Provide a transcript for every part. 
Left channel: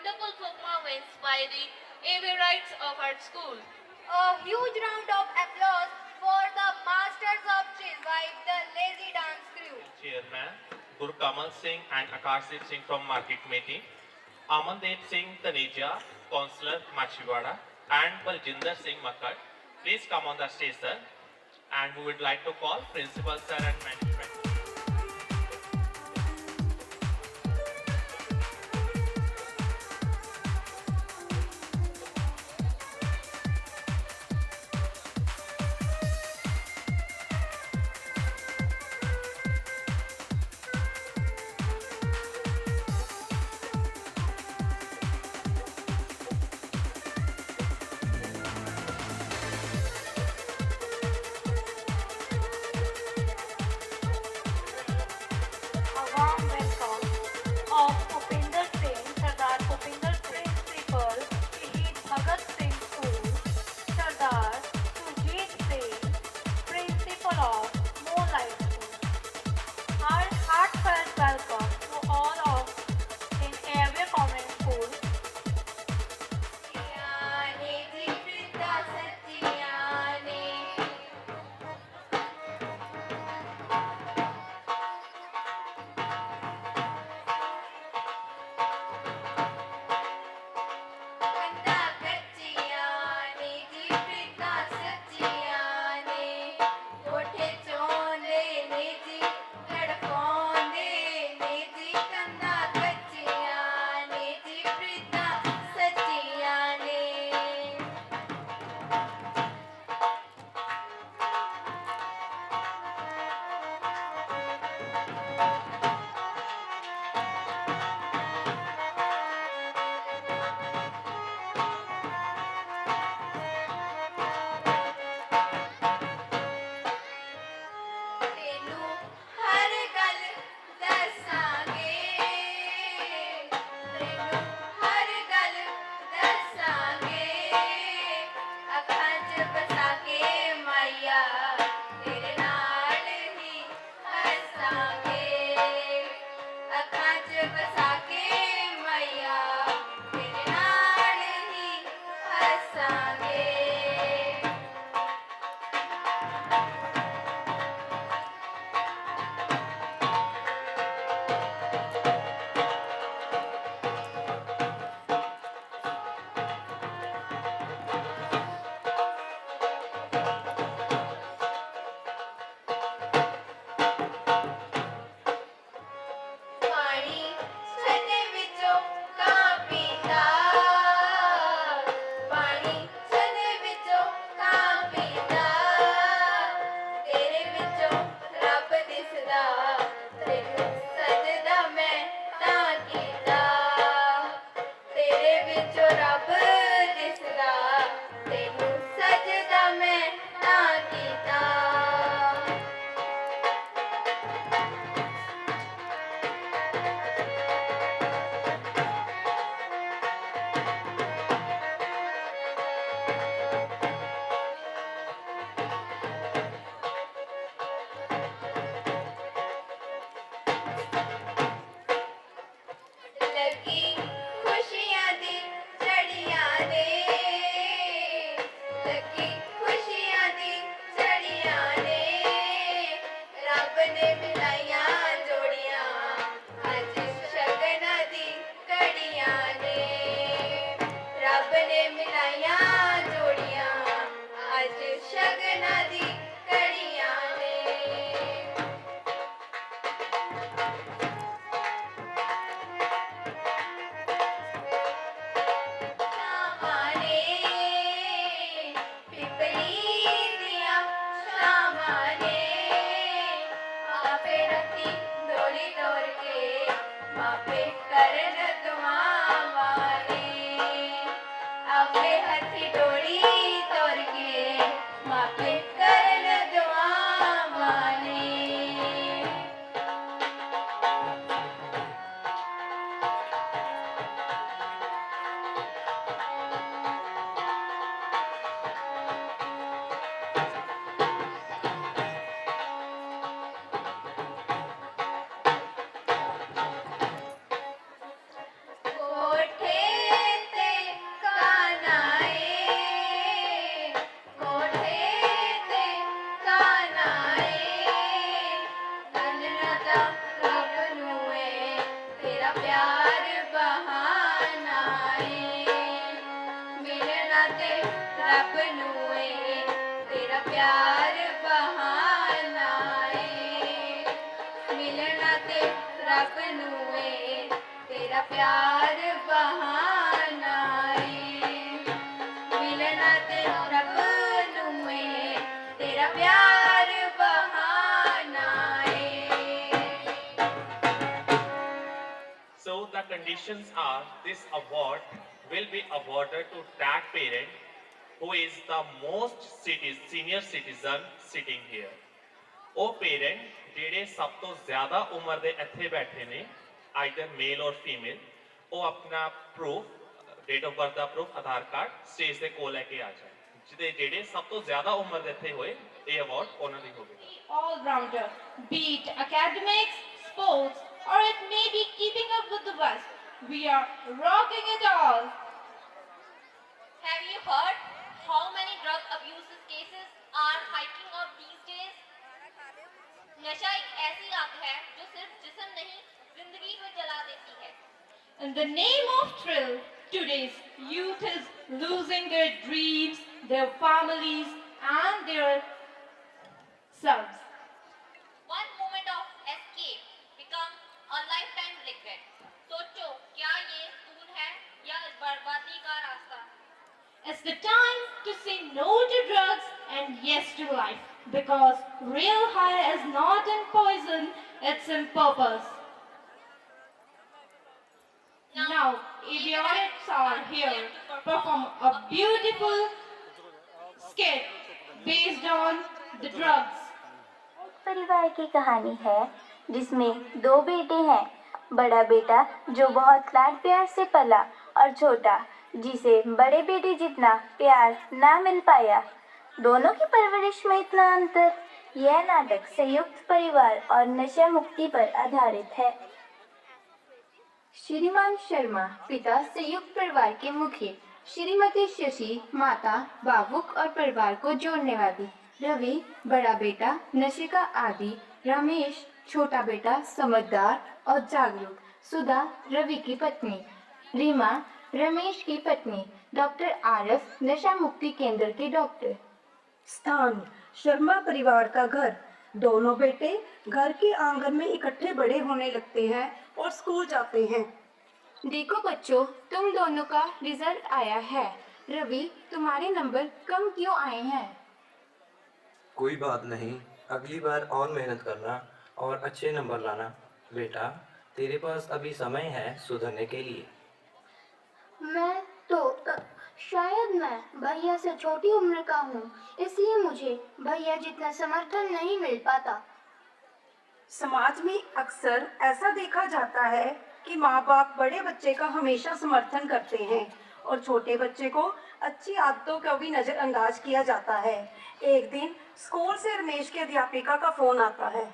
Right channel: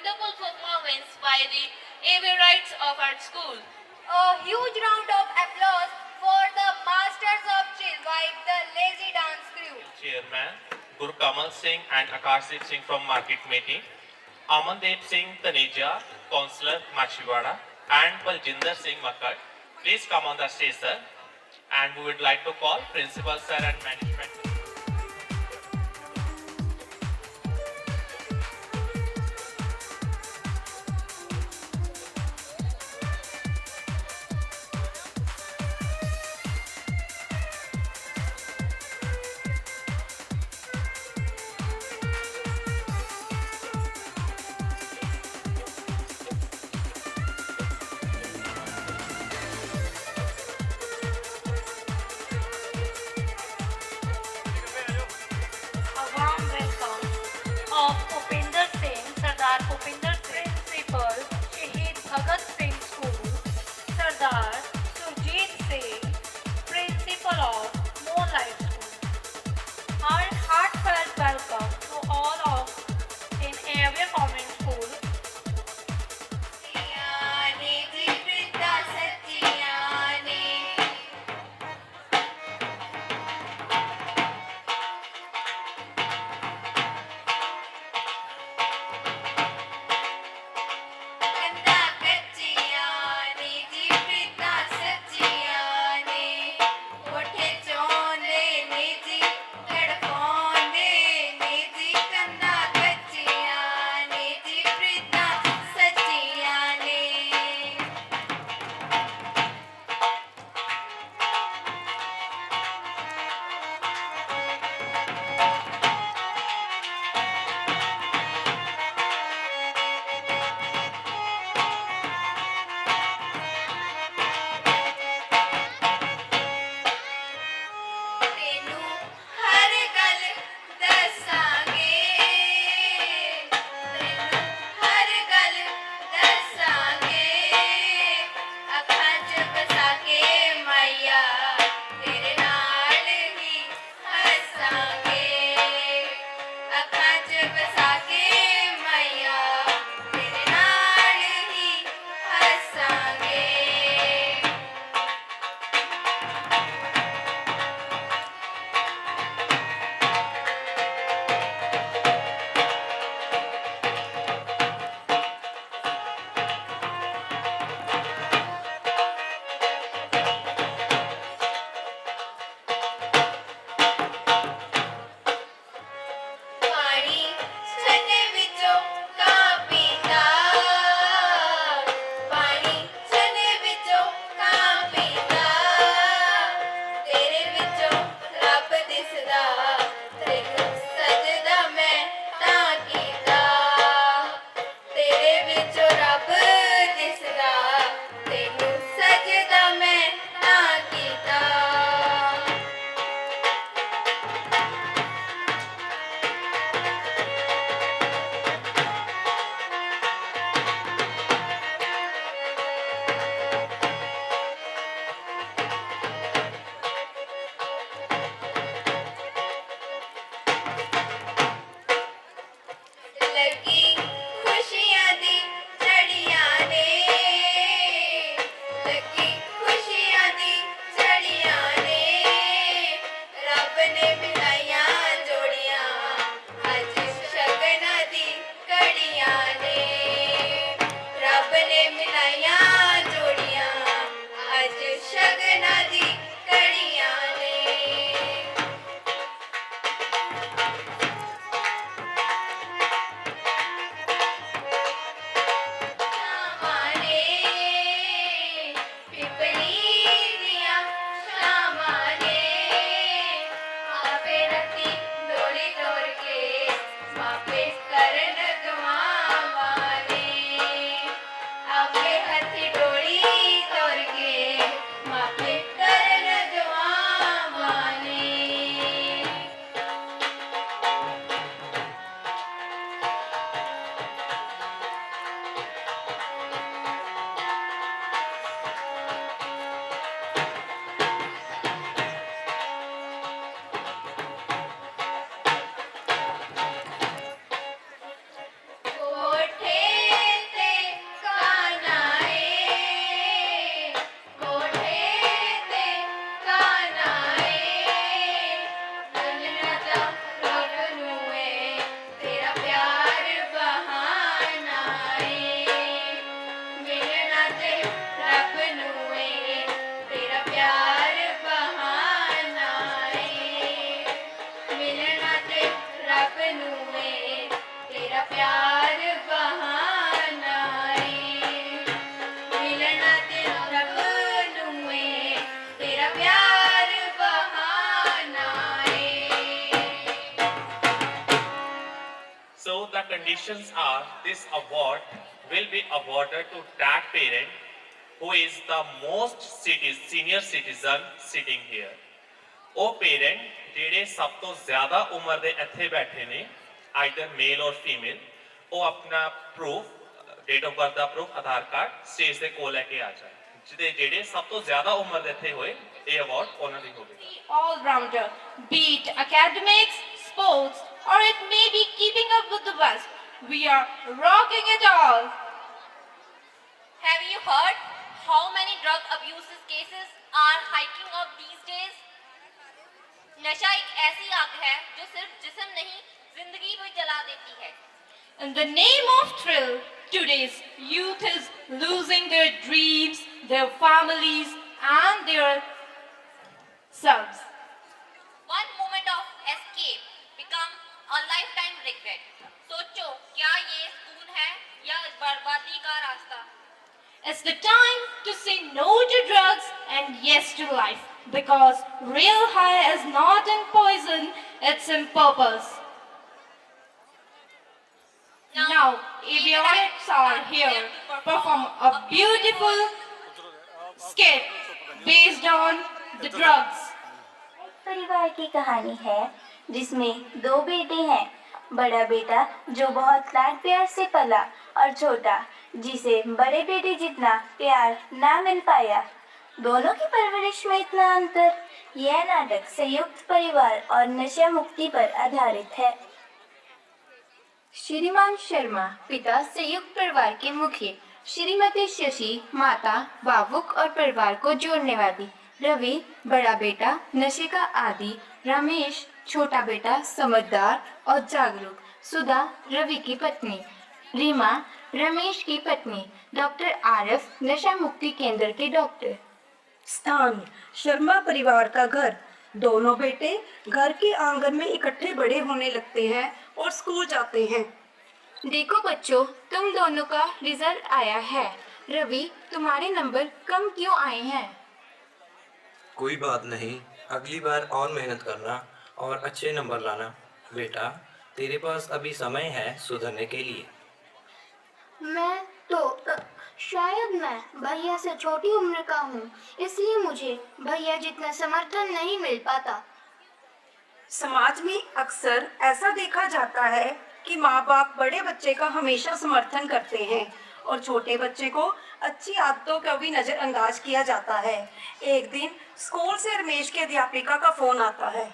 wonderful performance by the Averites of our school. A huge round of applause for the Masters of Chill by the Lazy Dance crew. Chairman Gurkamal Singh and Akashdeep Singh from Market Committee, Amandeep Singh Taneja, Councillor Machiwada, and Baljinder Singh Makkad. Please come on the stage, sir. And we would like to call Principal Sir and Management. प्यार बहानाए मिलना तेरा रब में तेरा प्यार बहानाए. So the conditions are this award will be awarded to that parent who is the most senior citizen sitting here. ਉਹ parent ਜਿਹੜੇ ਸਭ ਤੋਂ ਜ਼ਿਆਦਾ ਉਮਰ ਦੇ ਇੱਥੇ ਬੈਠੇ ਨੇ ਆਈਦਰ ਮੇਲ ਔਰ ਫੀਮੇਲ ਉਹ ਆਪਣਾ proof date of birth the proof Aadhaar card stage ਦੇ ਕੋਲ ਲੈ ਕੇ ਆ ਜਾਣ ਜਿਹਦੇ ਜਿਹੜੇ ਸਭ ਤੋਂ ਜ਼ਿਆਦਾ ਉਮਰ ਦੇ ਇੱਥੇ ਹੋਏ ਇਹ ਅਵਾਰਡ ਉਹਨਾਂ ਦੀ ਹੋਵੇਗੀ. All-rounder, be it academics, sports, or it may be keeping up with the West. We are rocking it all. Have you heard how many drug abuse cases are hiking up these days? नशा एक ऐसी आग है जो सिर्फ जिस्म नहीं जिंदगी भी जला देती है. In the name of thrill, today's youth is losing their dreams, their families, and their selves. One moment of escape become a lifetime regret. सोचो क्या ये सुकून है या इस बर्बादी का रास्ता. It's the time to say no to drugs and yes to life, because real high is not in poison, it's in purpose. Now, avionics are here to perform a beautiful skit based on the drugs. परिवार की कहानी है जिसमें दो बेटे हैं. बड़ा बेटा जो बहुत लाड प्यार से पला और छोटा जिसे बड़े बेटे जितना प्यार ना मिल पाया. दोनों की परवरिश में इतना अंतर. यह नाटक संयुक्त परिवार और नशा मुक्ति पर आधारित है. श्रीमान शर्मा पिता संयुक्त परिवार के मुखिया, श्रीमती शशि माता भावुक और परिवार को जोड़ने वाली, रवि बड़ा बेटा नशे का आदी, रमेश छोटा बेटा समझदार और जागरूक, सुधा रवि की पत्नी, रीमा रमेश की पत्नी, डॉक्टर आरिफ नशा मुक्ति केंद्र के डॉक्टर. स्थान शर्मा परिवार का घर. दोनों बेटे घर के आंगन में इकट्ठे बड़े होने लगते हैं और स्कूल जाते हैं. देखो बच्चों, तुम दोनों का रिजल्ट आया है. रवि तुम्हारे नंबर कम क्यों आए हैं? कोई बात नहीं, अगली बार और मेहनत करना और अच्छे नंबर लाना. बेटा तेरे पास अभी समय है सुधरने के लिए. मैं तो शायद मैं भैया से छोटी उम्र का हूँ, इसलिए मुझे भैया जितना समर्थन नहीं मिल पाता. समाज में अक्सर ऐसा देखा जाता है कि माँ बाप बड़े बच्चे का हमेशा समर्थन करते हैं और छोटे बच्चे को अच्छी आदतों का भी नजरअंदाज किया जाता है. एक दिन स्कूल से रमेश की अध्यापिका का फोन आता है.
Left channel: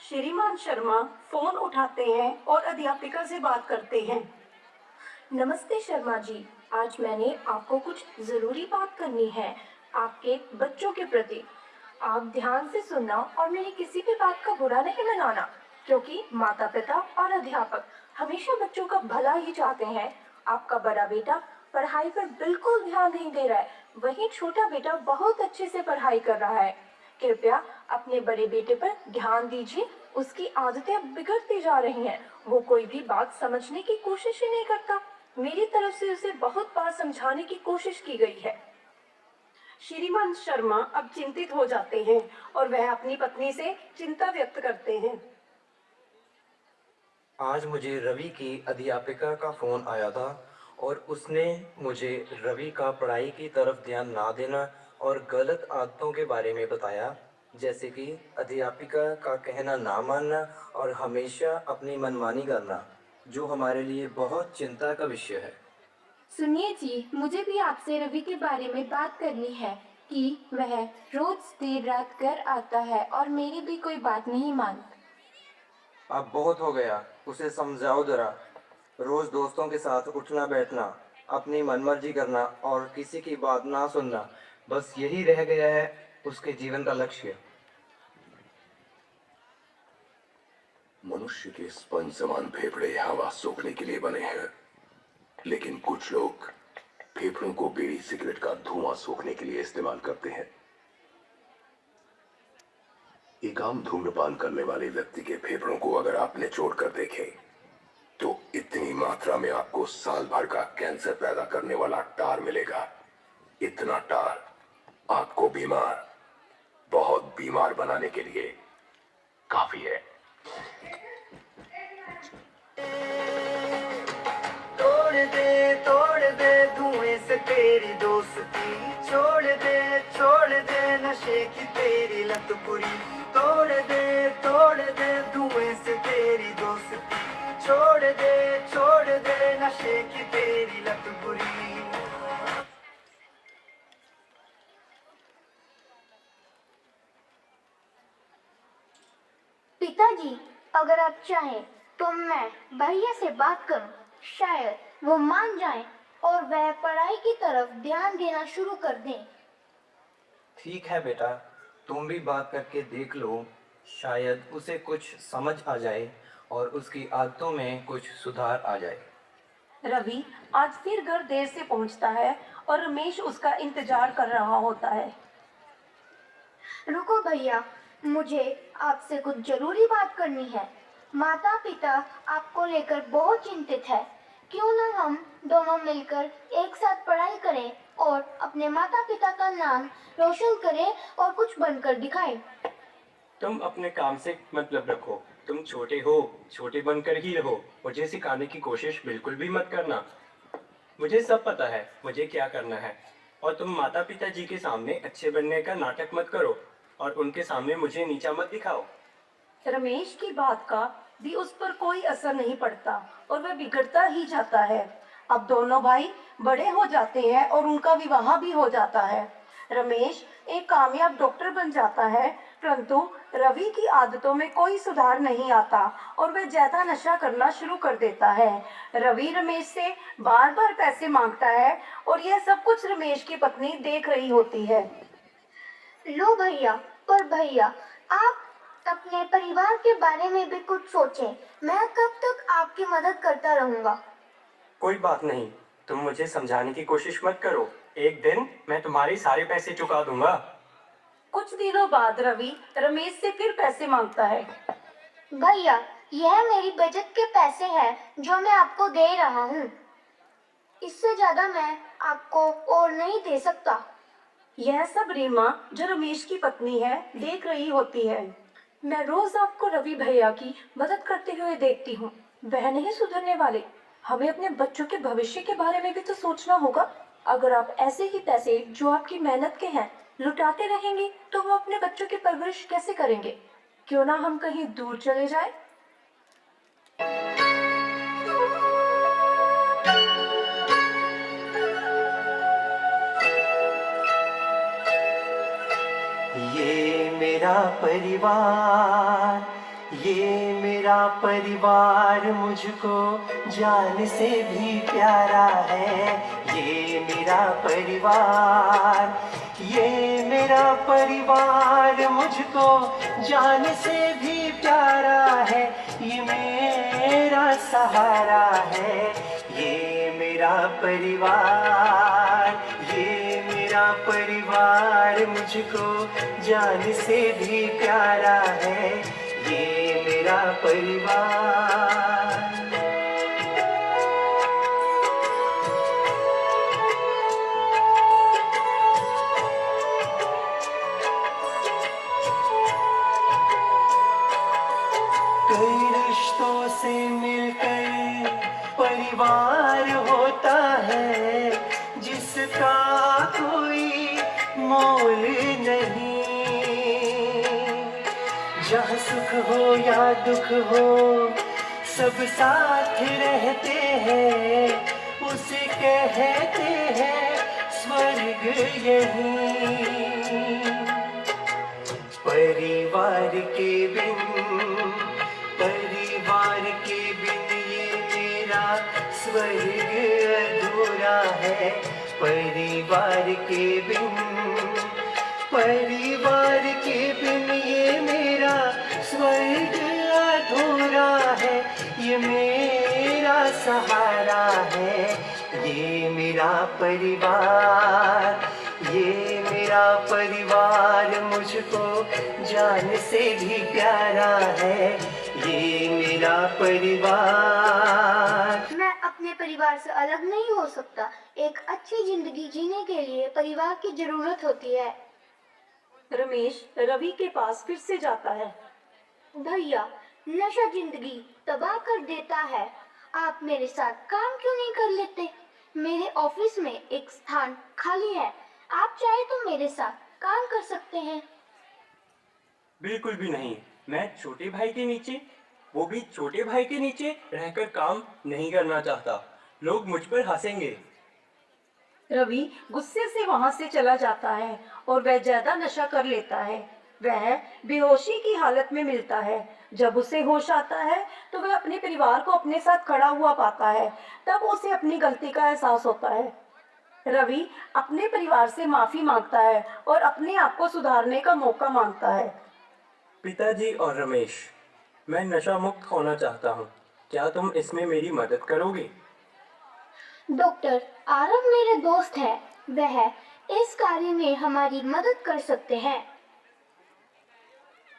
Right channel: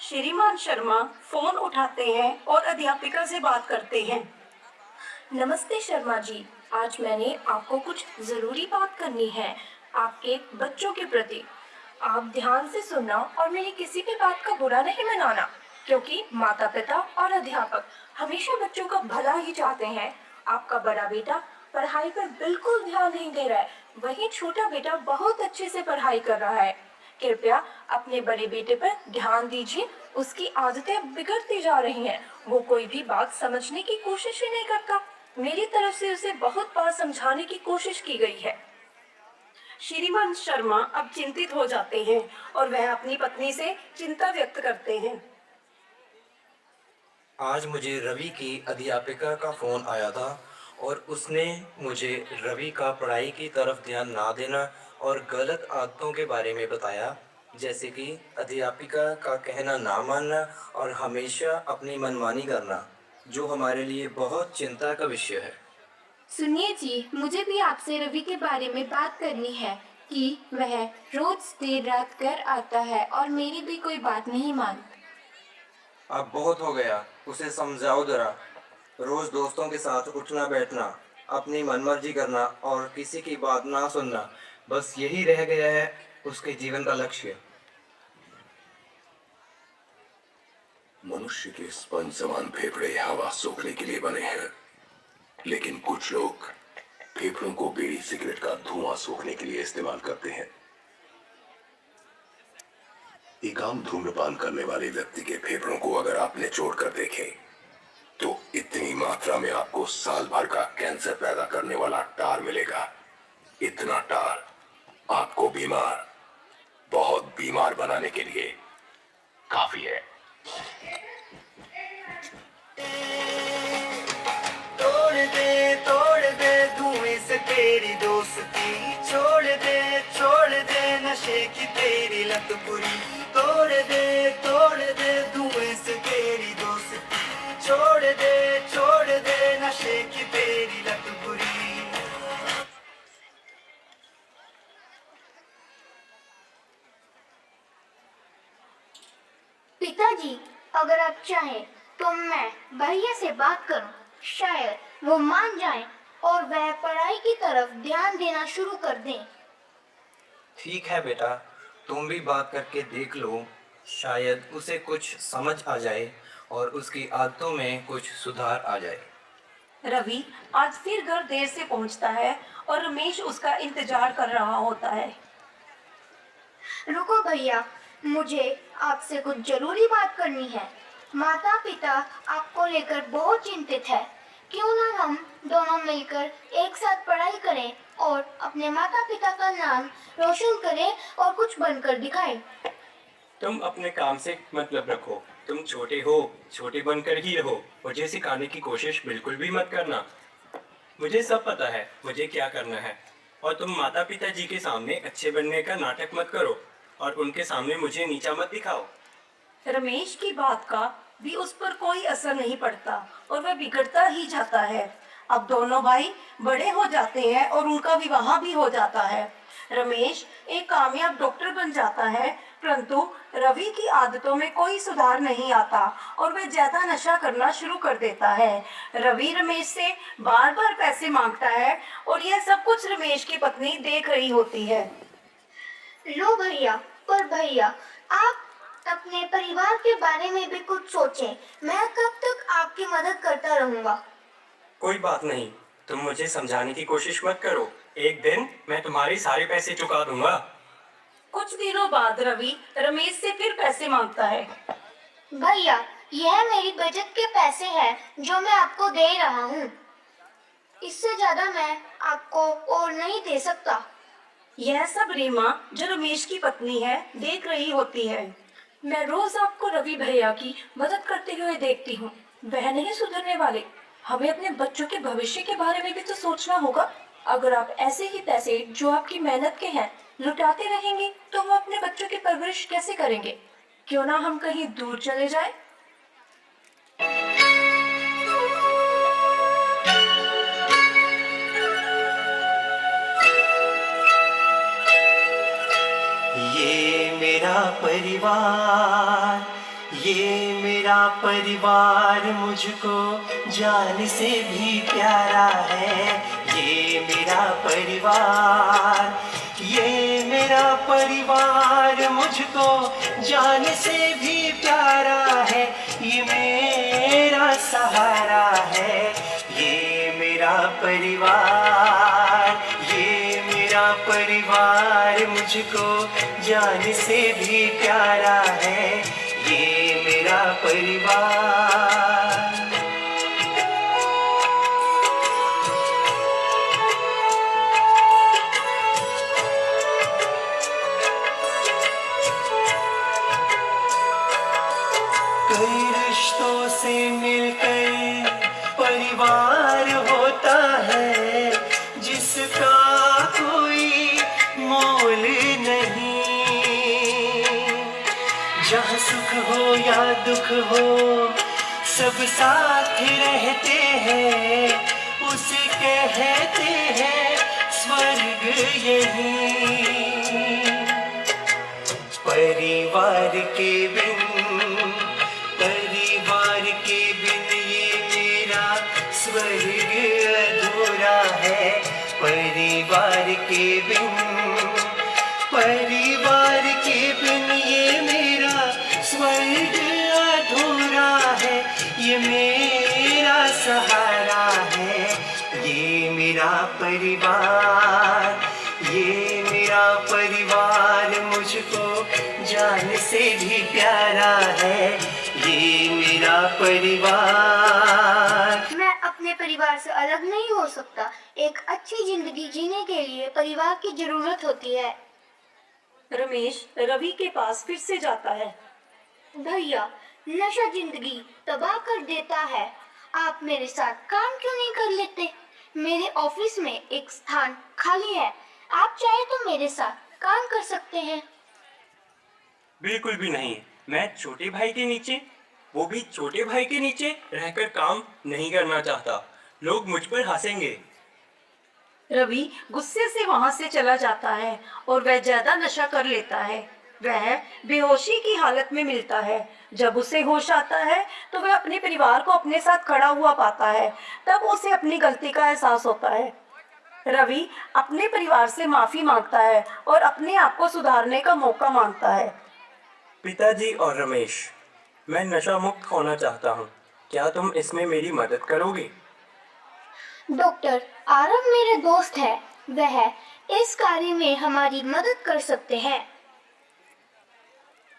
श्रीमान शर्मा फोन उठाते हैं और अध्यापिका से बात करते हैं. नमस्ते शर्मा जी, आज मैंने आपको कुछ जरूरी बात करनी है आपके बच्चों के प्रति. आप ध्यान से सुनना और मेरी किसी भी बात का बुरा नहीं मनाना, क्योंकि माता पिता और अध्यापक हमेशा बच्चों का भला ही चाहते हैं. आपका बड़ा बेटा पढ़ाई पर बिल्कुल ध्यान नहीं दे रहा है, वहीं छोटा बेटा बहुत अच्छे से पढ़ाई कर रहा है. कृपया अपने बड़े बेटे पर ध्यान दीजिए, उसकी आदतें बिगड़ती जा रही हैं. वो कोई भी बात समझने की कोशिश ही नहीं करता. मेरी तरफ से उसे बहुत बार समझाने की कोशिश की गई है. श्रीमान शर्मा अब चिंतित हो जाते हैं और वह अपनी पत्नी से चिंता व्यक्त करते हैं. आज मुझे रवि की अध्यापिका का फोन आया था और उसने मुझे रवि का पढ़ाई की तरफ ध्यान ना देना और गलत आदतों के बारे में बताया, जैसे कि अध्यापिका का कहना ना मानना और हमेशा अपनी मनमानी करना, जो हमारे लिए बहुत चिंता का विषय है. सुनिए जी, मुझे भी आपसे रवि के बारे में बात करनी है कि वह रोज देर रात घर आता है और मेरी भी कोई बात नहीं मानता. अब बहुत हो गया, उसे समझाओ जरा. रोज दोस्तों के साथ उठना बैठना, अपनी मनमर्जी करना और किसी की बात ना सुनना, बस यही रह गया है उसके जीवन का लक्ष्य. मनुष्य के स्पंज समान फेफड़े हवा सोखने के लिए बने हैं, लेकिन कुछ लोग फेफड़ों को बीड़ी सिगरेट का धुआं सोखने के लिए इस्तेमाल करते हैं. एक आम धूम्रपान करने वाले व्यक्ति के फेफड़ों को अगर आप निचोड़ कर देखें मात्रा में आपको साल भर का कैंसर पैदा करने वाला टार मिलेगा। इतना टार आपको बीमार, बहुत बीमार बनाने के लिए काफी है। तोड़ दे धुएं से तेरी दोस्ती, छोड़ दे नशे की तेरी लत बुरी। तोड़ दे धुएं से तेरी दोस्ती, छोड़ दे नशे की तेरी लत बुरी। पिताजी, अगर आप चाहें तो मैं भैया से बात करूं, शायद वो मान जाएं और वह पढ़ाई की तरफ ध्यान देना शुरू कर दें। ठीक है बेटा, तुम भी बात करके देख लो, शायद उसे कुछ समझ आ जाए और उसकी आदतों में कुछ सुधार आ जाए। रवि आज फिर घर देर से पहुंचता है और रमेश उसका इंतजार कर रहा होता है। रुको भैया, मुझे आपसे कुछ जरूरी बात करनी है। माता पिता आपको लेकर बहुत चिंतित है। क्यों ना हम दोनों मिलकर एक साथ पढ़ाई करें और अपने माता पिता का नाम रोशन करें और कुछ बनकर दिखाएं। तुम अपने काम से मतलब रखो। तुम छोटे हो, छोटे बनकर ही रहो। मुझे सिखाने की कोशिश बिल्कुल भी मत करना। मुझे सब पता है मुझे क्या करना है। और तुम माता पिता जी के सामने अच्छे बनने का नाटक मत करो और उनके सामने मुझे नीचा मत दिखाओ। रमेश की बात का भी उस पर कोई असर नहीं पड़ता और वह बिगड़ता ही जाता है। अब दोनों भाई बड़े हो जाते हैं और उनका विवाह भी हो जाता है। रमेश एक कामयाब डॉक्टर बन जाता है, परंतु रवि की आदतों में कोई सुधार नहीं आता और वह ज्यादा नशा करना शुरू कर देता है। रवि रमेश से बार बार पैसे मांगता है और यह सब कुछ रमेश की पत्नी देख रही होती है। लो भैया, पर भैया आप अपने परिवार के बारे में भी कुछ सोचें। मैं कब तक आपकी मदद करता रहूंगा। कोई बात नहीं, तुम मुझे समझाने की कोशिश मत करो। एक दिन मैं तुम्हारे सारे पैसे चुका दूंगा। कुछ दिनों बाद रवि रमेश से फिर पैसे मांगता है। भैया, यह मेरी बचत के पैसे हैं जो मैं आपको दे रहा हूँ। इससे ज्यादा मैं आपको और नहीं दे सकता। यह सब रीमा, जो रमेश की पत्नी है, देख रही होती है। मैं रोज आपको रवि भैया की मदद करते हुए देखती हूँ। वह नहीं सुधरने वाले। हमें अपने बच्चों के भविष्य के बारे में भी तो सोचना होगा। अगर आप ऐसे ही पैसे जो आपकी मेहनत के हैं लुटाते रहेंगे तो वो अपने बच्चों की परवरिश कैसे करेंगे? क्यों ना हम कहीं दूर चले जाएं? ये मेरा परिवार मुझको जान से भी प्यारा है। ये मेरा परिवार मुझको जान से भी प्यारा है। ये मेरा सहारा है। ये मेरा परिवार मुझको जान से भी प्यारा है। ये मेरा परिवार। कई रिश्तों से मिलकर परिवार होता है, जिसका कोई मोल नहीं। जहाँ सुख हो या दुख हो सब साथ रहते हैं, उसे कहते हैं स्वर्ग यही। परिवार के बिन ये मेरा स्वर्ग अधूरा है। परिवार के बिन ये मेरा स्वर्ग अधूरा है। ये मेरा सहारा है। ये मेरा परिवार मुझको जान से भी प्यारा है। ये मेरा परिवार। मैं अपने परिवार से अलग नहीं हो सकता। एक अच्छी जिंदगी जीने के लिए परिवार की जरूरत होती है। रमेश रवि के पास फिर से जाता है। भैया, नशा जिंदगी तबाह कर देता है। आप मेरे साथ काम क्यों नहीं कर लेते? मेरे ऑफिस में एक स्थान खाली है। आप चाहे तो मेरे साथ काम कर सकते हैं। बिल्कुल भी नहीं। मैं छोटे भाई के नीचे, वो भी छोटे भाई के नीचे रहकर काम नहीं करना चाहता। लोग मुझ पर हंसेंगे। रवि गुस्से से वहां से चला जाता है और वह ज्यादा नशा कर लेता है। वह बेहोशी की हालत में मिलता है। जब उसे होश आता है तो वह अपने परिवार को अपने साथ खड़ा हुआ पाता है। तब उसे अपनी गलती का एहसास होता है। रवि अपने परिवार से माफी मांगता है और अपने आप को सुधारने का मौका मांगता है। पिताजी और रमेश, मैं नशा मुक्त होना चाहता हूँ। क्या तुम इसमें मेरी मदद करोगे? डॉक्टर आरव मेरे दोस्त है। वह इस कार्य में हमारी मदद कर सकते हैं।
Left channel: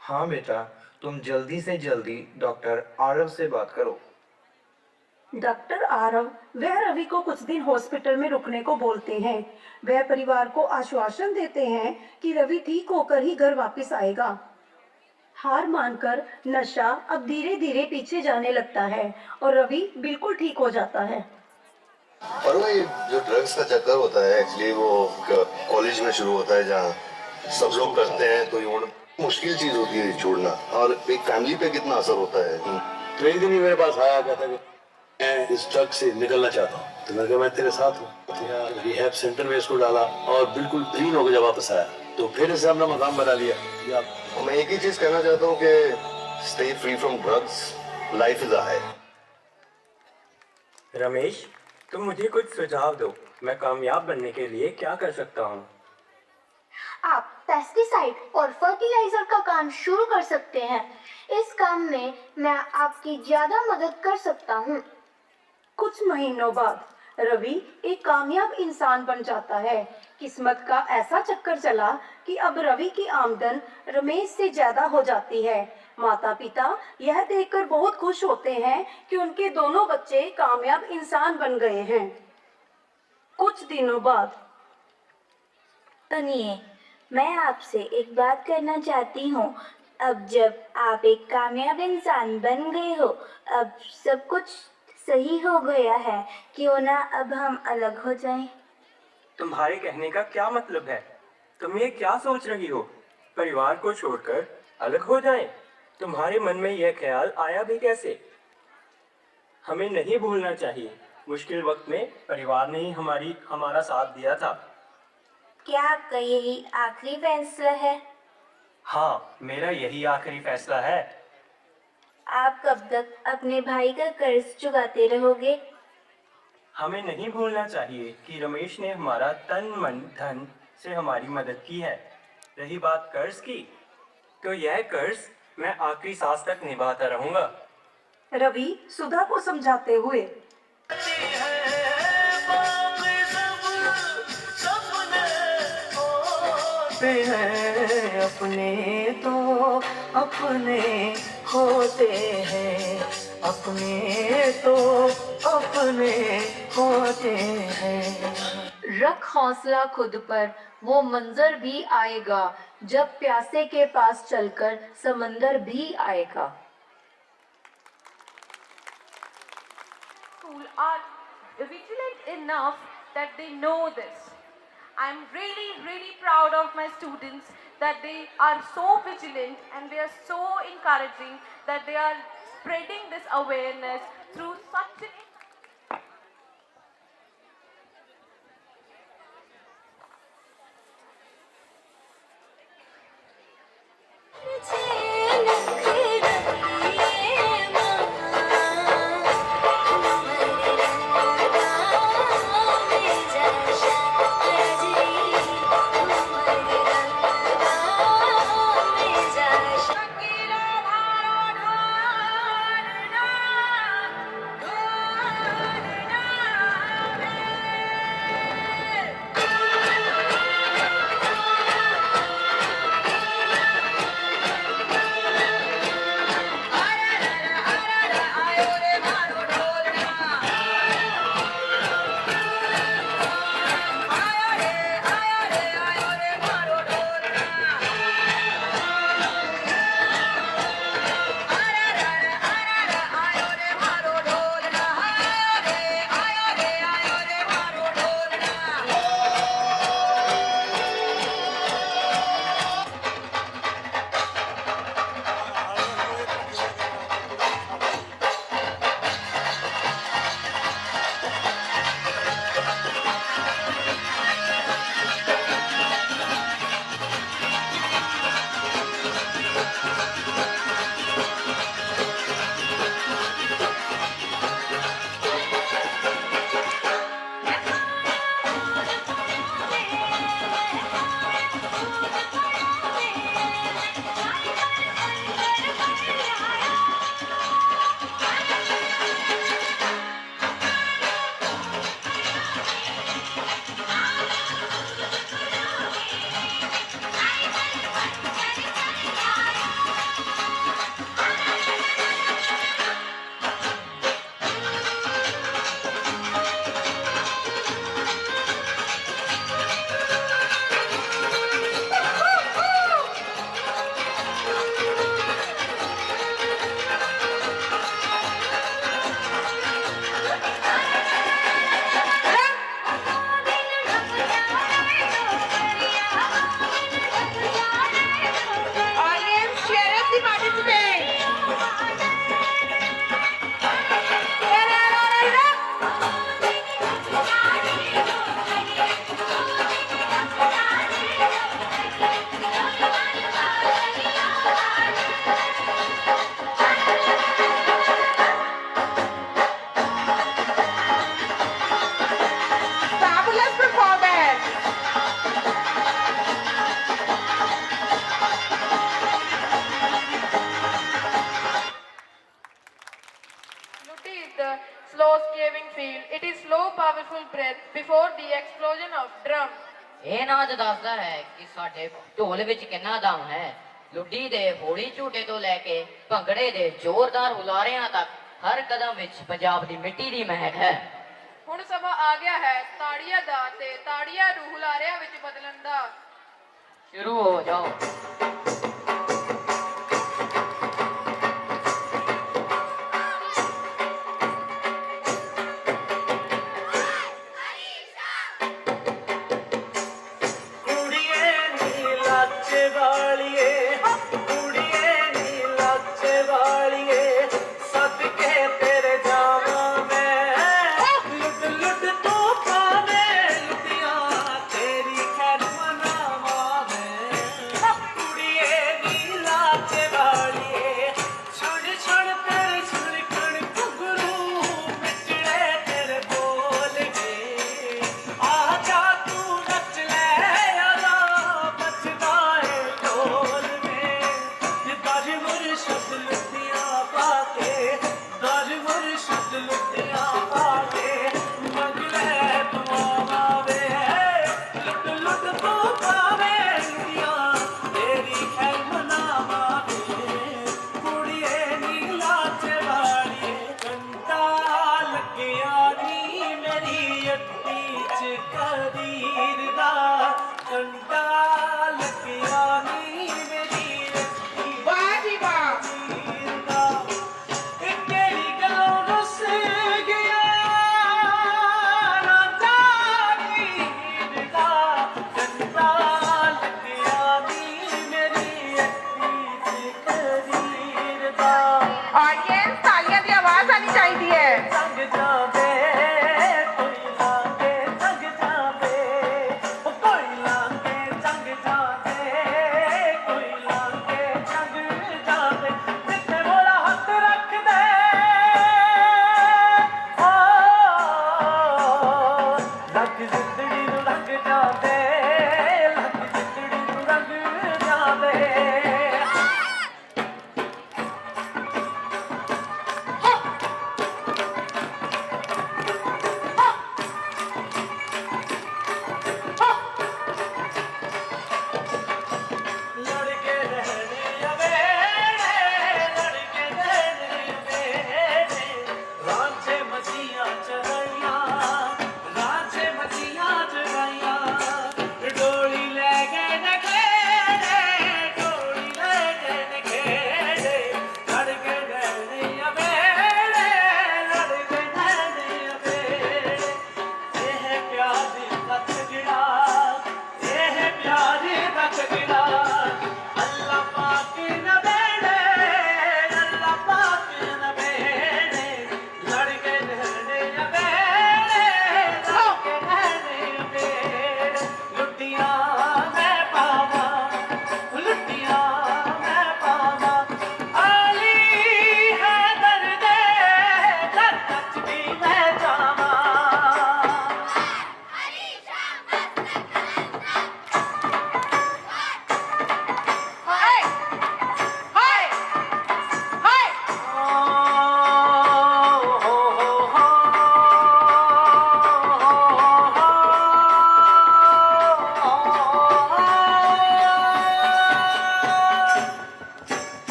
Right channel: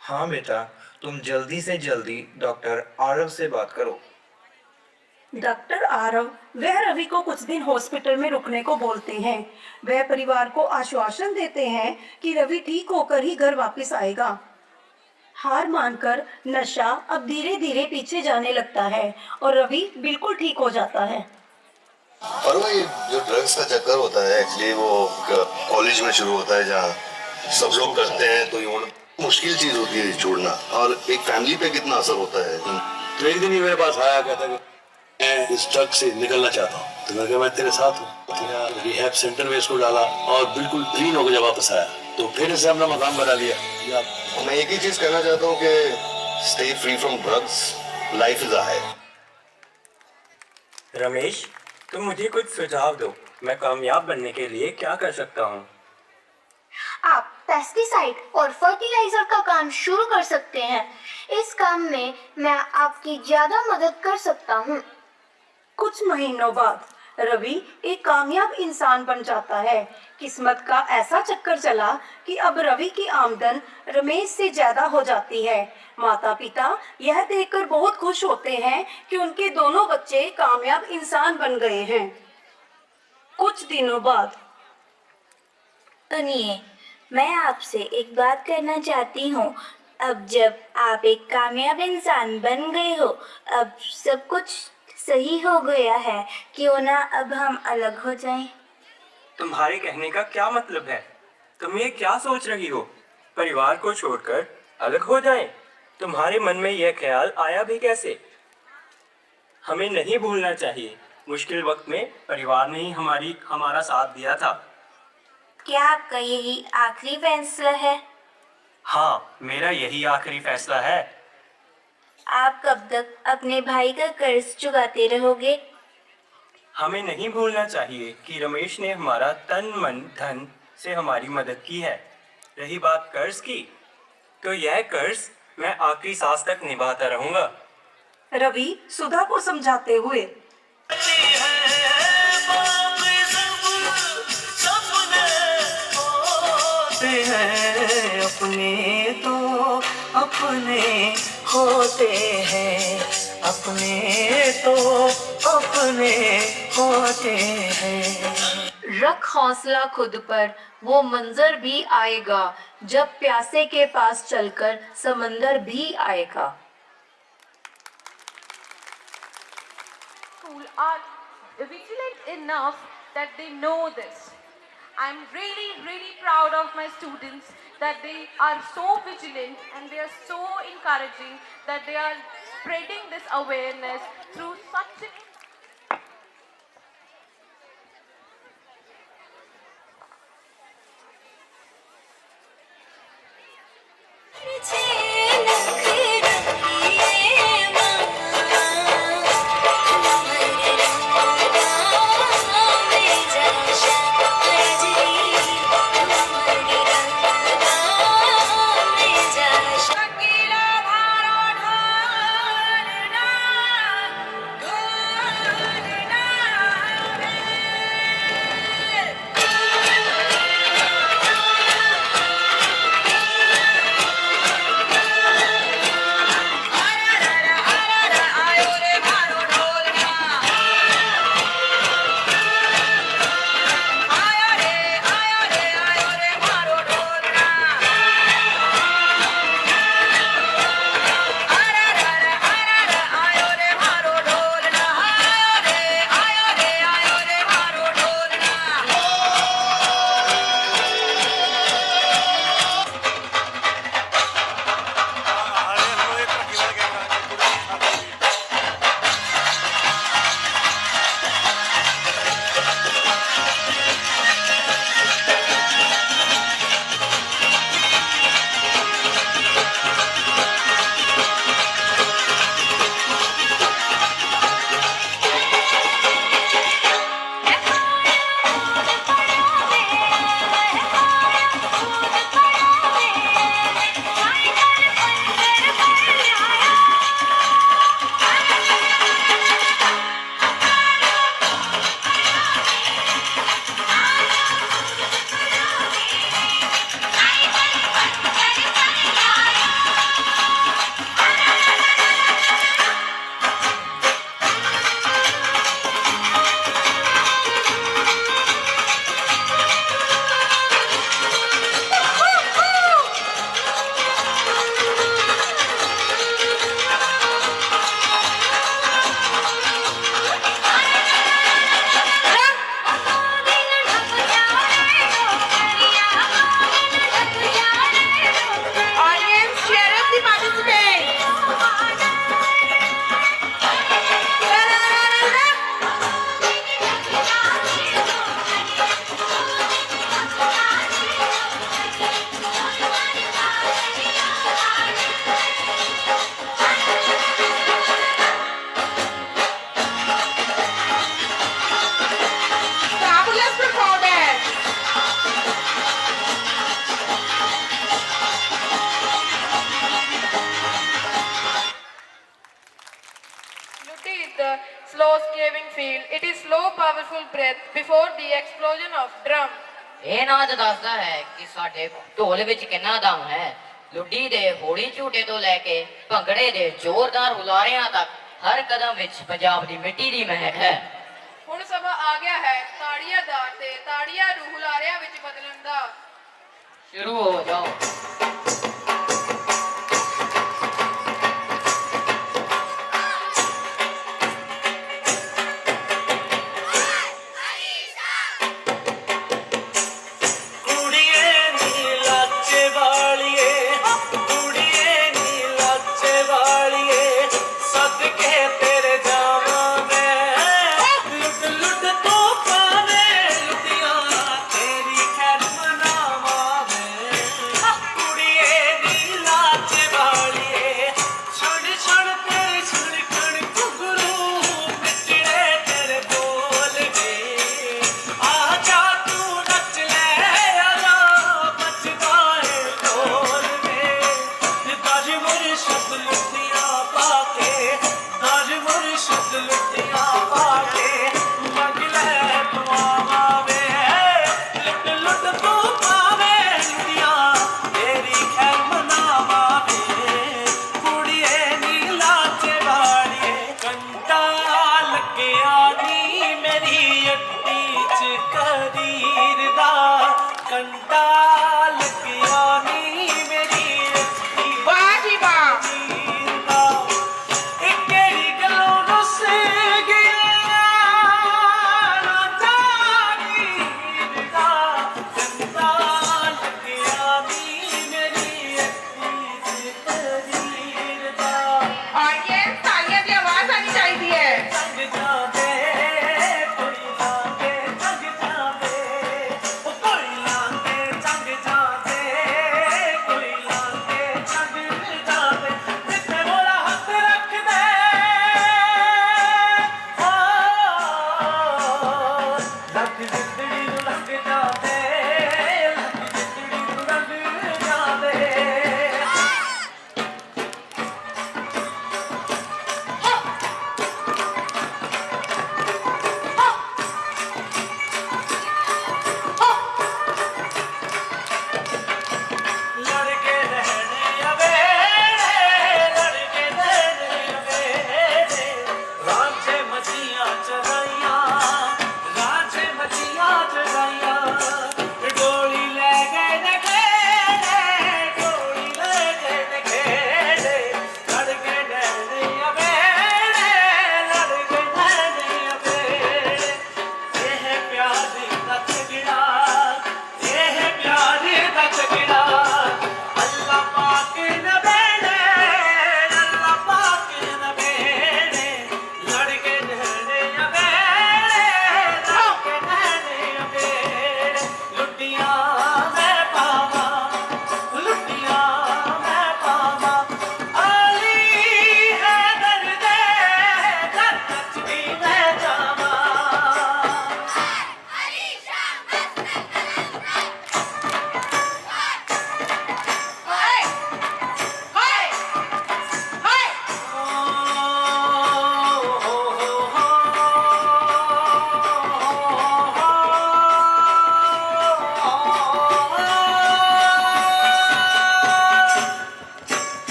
हाँ बेटा, तुम जल्दी से जल्दी डॉक्टर आरव से बात करो। डॉक्टर आरव वह रवि को कुछ दिन हॉस्पिटल में रुकने को बोलते हैं। वह परिवार को आश्वासन देते हैं कि रवि ठीक होकर ही घर वापस आएगा। हार मानकर नशा अब धीरे धीरे पीछे जाने लगता है और रवि बिल्कुल ठीक हो जाता है। और वो ये जो ड्रग्स का चक्कर होता है एक्चुअली वो कॉलेज में शुरू होता है जहाँ सब लोग करते हैं, तो ये मुश्किल चीज होती है छोड़ना। और एक फैमिली पे कितना असर होता है। तो एक दिन ही मेरे पास आया, कहता है मैं इस ड्रग से निकलना चाहता हूँ। तो मैं कहा मैं तेरे साथ हूँ। रिहैब सेंटर में इसको डाला और बिल्कुल क्लीन होकर जब वापस आया तो फिर इसे अपना मकान बना लिया। मैं एक ही चीज कहना चाहता हूँ कि stay free from drugs, life is high. Ramesh, तुम मुझे कुछ सुझाव दो। मैं कामयाब बनने के लिए क्या कर सकता हूँ? आप पेस्टिसाइड और फर्टिलाइजर का काम शुरू कर सकते हैं। इस काम में मैं आपकी ज्यादा मदद कर सकता हूँ। कुछ महीनों बाद रवि एक कामयाब इंसान बन जाता है। किस्मत का ऐसा चक्कर चला कि अब रवि की आमदन रमेश से ज्यादा हो जाती है। माता पिता यह देखकर बहुत खुश होते हैं कि उनके दोनों बच्चे कामयाब इंसान बन गए हैं। कुछ दिनों बाद सुनिए, मैं आपसे एक बात करना चाहती हूँ। अब जब आप एक कामयाब इंसान बन गए हो, अब सब कुछ सही हो गया है, क्यों ना अब हम अलग हो जाएं? तुम्हारे कहने का क्या मतलब है? तुम ये क्या सोच रही हो? परिवार को छोड़कर अलग हो जाएं? तुम्हारे मन में यह ख्याल आया भी कैसे? हमें नहीं भूलना चाहिए, मुश्किल वक्त में परिवार ने ही हमारा साथ दिया था। क्या आपका यही आखिरी फैसला है? हाँ, मेरा यही आखिरी फैसला है। आप कब तक अपने भाई का कर्ज चुकाते रहोगे? हमें नहीं भूलना चाहिए कि रमेश ने हमारा तन मन धन से हमारी मदद की है। रही बात कर्ज की, तो यह कर्ज मैं आखिरी सांस तक निभाता रहूंगा। रवि सुधा को समझाते हुए अपने तो अपने होते हैं, अपने तो अपने होते हैं। रख हौसला खुद पर, वो मंजर भी आएगा जब प्यासे के पास चलकर समंदर भी आएगा। School are vigilant enough that they know this. I'm really proud of my students that they are so vigilant and they are so encouraging that they are spreading this awareness through such an slow scaving feel. It is slow powerful breath before the explosion of drum. ਇਹ ਨਾਚ ਦੱਸਦਾ ਹੈ ਕਿ ਸਾਡੇ ਢੋਲ ਵਿੱਚ ਕਿੰਨਾ ਦਮ ਹੈ। ਲੁੱਡੀ ਦੇ ਹੌਲੀ ਝੂਟੇ ਤੋਂ ਲੈ ਕੇ ਭੰਗੜੇ ਦੇ ਜ਼ੋਰਦਾਰ ਹੁਲਾਰਿਆਂ ਤੱਕ ਹਰ ਕਦਮ ਵਿੱਚ ਪੰਜਾਬ ਦੀ ਮਿੱਟੀ ਦੀ ਮਹਿਕ ਹੈ। ਹੁਣ ਸਮਾਂ ਆ ਗਿਆ ਹੈ ਤਾੜੀਆਂ ਦਾ ਤੇ ਤਾੜੀਆਂ ਨੂੰ ਹੁਲਾਰਿਆਂ ਵਿੱਚ ਬਦਲਣ ਦਾ। ਸ਼ੁਰੂ ਹੋ ਜਾਓ।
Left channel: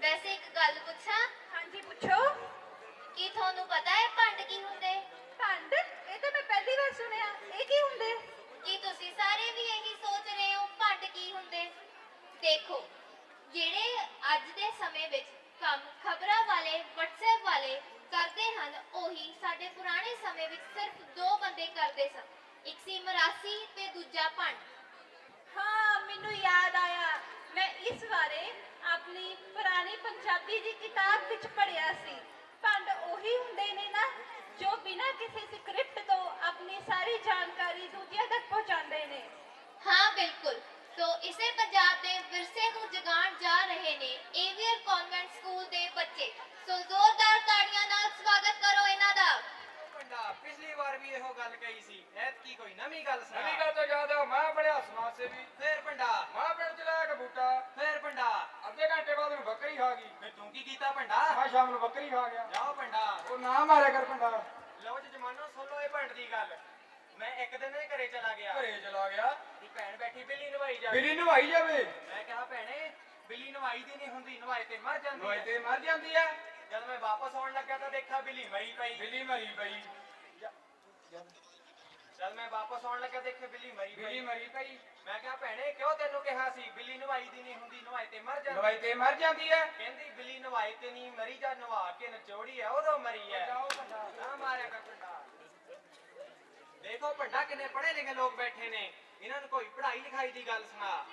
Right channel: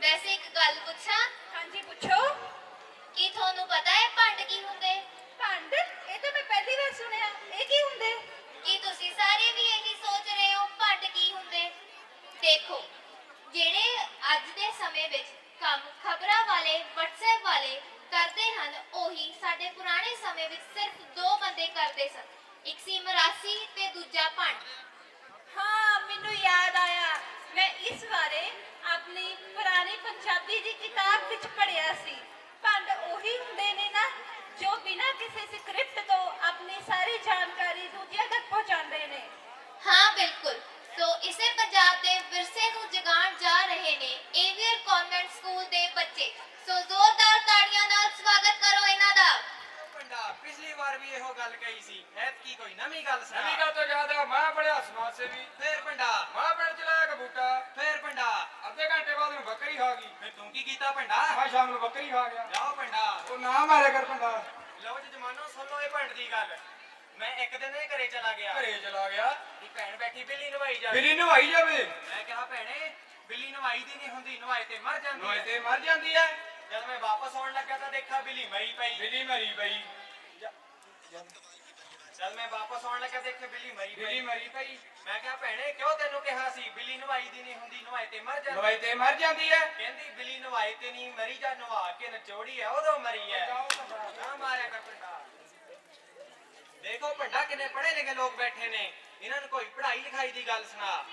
ਵੈਸੇ ਇੱਕ ਗੱਲ ਪੁੱਛਾਂ? ਹਾਂਜੀ ਪੁੱਛੋ। ਕੀ ਤੁਹਾਨੂੰ ਪਤਾ ਹੈ ਭੰਡ ਕੀ ਹੁੰਦੇ? ਭੰਡ? ਇਹ ਤਾਂ ਮੈਂ ਪਹਿਲੀ ਵਾਰ ਸੁਣਿਆ। ਇਹ ਕੀ ਹੁੰਦੇ? ਕੀ ਤੁਸੀਂ ਸਾਰੇ ਵੀ ਇਹੀ ਸੋਚ ਰਹੇ ਹੋ ਭੰਡ ਕੀ ਹੁੰਦੇ? ਦੇਖੋ, ਜਿਹੜੇ ਅੱਜ ਦੇ ਸਮੇਂ ਵਿੱਚ ਕੰਮ ਖਬਰਾਂ ਵਾਲੇ WhatsApp ਵਾਲੇ ਕਰਦੇ ਹਨ, ਉਹੀ ਸਾਡੇ ਪੁਰਾਣੇ ਸਮੇਂ ਵਿੱਚ ਸਿਰਫ 2 ਬੰਦੇ ਕਰਦੇ ਸਨ। ਇੱਕ ਸੀ ਮਰਾਸੀ ਤੇ ਦੂਜਾ ਭੰਡ। ਹਾਂ, ਮੈਨੂੰ ਯਾਦ ਆਇਆ। ਮੈਂ ਇਸ ਬਾਰੇ ਆਪਣੀ ਪੁਰਾਣੀ ਪੰਜਾਬੀ ਦੀ ਕਿਤਾਬ ਵਿੱਚ ਪੜ੍ਹਿਆ ਸੀ। ਭੰਡ ਉਹੀ ਹੁੰਦੇ ਨੇ ਨਾ ਜੋ ਬਿਨਾਂ ਕਿਸੇ ਸਕ੍ਰਿਪਟ ਤੋਂ ਆਪਣੀ ਸਾਰੀ ਜਾਣਕਾਰੀ ਦੂਜਿਆਂ ਤੱਕ ਪਹੁੰਚਾਉਂਦੇ ਨੇ। ਹਾਂ ਬਿਲਕੁਲ। ਸੋ ਇਸੇ ਪੰਜਾਬ ਦੇ ਵਿਰਸੇ ਨੂੰ ਜਗਾਉਣ ਜਾ ਰਹੇ ਨੇ ਏਵੀਅਰ ਕਨਵੈਂਟ ਸਕੂਲ ਦੇ ਬੱਚੇ। ਸੋ ਜ਼ੋਰਦਾਰ ਤਾੜੀਆਂ ਨਾਲ ਸਵਾਗਤ ਕਰੋ ਇਹਨਾਂ ਦਾ। ਵਾਰ ਵੀ ਇਹੋ ਗੱਲ ਕਹੀ ਸੀ ਐਤਕੀ ਕੋਈ ਨਵੀਂ ਗੱਲ ਸੁਣਾ ਨਵੀਂ ਗੱਲ ਤੋਂ ਜ਼ਿਆਦਾ ਮੈਂ ਬੜਿਆ ਸਮਾਜ ਸੇਵੀ ਫੇਰ ਭੰਡਾ ਮੈਂ ਪਿੰਡ ਚ ਲਾਇਆ ਕਬੂਟਾ ਫੇਰ ਭੰਡਾ ਅੱਧੇ ਘੰਟੇ ਬਾਅਦ ਨੂੰ ਬੱਕਰੀ ਖਾ ਗਈ ਫੇਰ ਤੂੰ ਕੀ ਕੀਤਾ ਭੰਡਾ ਮੈਂ ਸ਼ਾਮ ਨੂੰ ਬੱਕਰੀ ਖਾ ਗਿਆ ਜਾਓ ਭੰਡਾ ਉਹ ਨਾ ਮਾਰਿਆ ਕਰ ਭੰਡਾ ਲਓ ਜੀ ਜਮਾਨੋ ਸੁਣ ਲਓ ਇਹ ਭੰਡ ਦੀ ਗੱਲ ਮੈਂ ਇੱਕ ਦਿਨ ਇਹ ਘਰੇ ਚਲਾ ਗਿਆ ਘਰੇ ਚਲਾ ਗਿਆ ਦੀ ਭੈਣ ਬੈਠੀ ਬਿੱਲੀ ਨਵਾਈ ਜਾਵੇ ਬਿੱਲੀ ਨਵਾਈ ਜਾਵੇ ਮੈਂ ਕਿਹਾ ਭੈਣੇ ਬਿੱਲੀ ਨਵਾਈ ਦੀ ਨਹੀਂ ਹੁੰਦੀ ਨਵਾਏ ਤੇ ਮਰ ਜਾਂਦੀ ਨਵਾਈ ਤੇ ਮਰ ਜਾਂਦੀ ਹੈ ਜਦ ਮੈਂ ਵਾਪਸ ਆਉਣ ਲੱਗਾ ਤਾਂ ਦੇਖਿਆ ਬਿੱਲੀ ਮਰੀ ਪਈ ਬਿੱਲੀ ਮਰੀ ਪਈ ਜਦ ਮੈਂ ਵਾਪਸ ਆਉਣ ਲੱਗਾ ਦੇਖਿਆ ਬਿੱਲੀ ਬਿੱਲੀ ਮਰੀ ਪਈ ਮੈਂ ਕਿਹਾ ਭੈਣੇ ਕਿਉਂ ਤੈਨੂੰ ਕਿਹਾ ਸੀ ਬਿੱਲੀ ਨਵਾਈ ਦੀ ਨਹੀਂ ਹੁੰਦੀ ਨਵਾਏ ਤੇ ਮਰ ਜਾਂਦੀ ਨਵਾਈ ਤੇ ਮਰ ਜਾਂਦੀ ਹੈ ਕਹਿੰਦੀ ਬਿੱਲੀ ਨਵਾਏ ਤੇ ਨਹੀਂ ਮਰੀ ਜਾਂ ਨਵਾ ਕੇ ਨਚੋੜੀ ਹੈ ਉਦੋਂ ਮਰੀ ਹੈ ਨਾ ਮਾਰਿਆ ਕਰ ਭੰਡਾ ਦੇਖੋ ਭੰਡਾ ਕਿੰਨੇ ਪੜ੍ਹੇ ਲਿਖੇ ਲੋਕ ਬੈਠੇ ਨੇ ਇਹਨਾਂ ਨੂੰ ਕੋਈ ਪੜ੍ਹਾਈ ਲਿਖਾਈ ਦੀ ਗੱਲ ਸੁਣਾ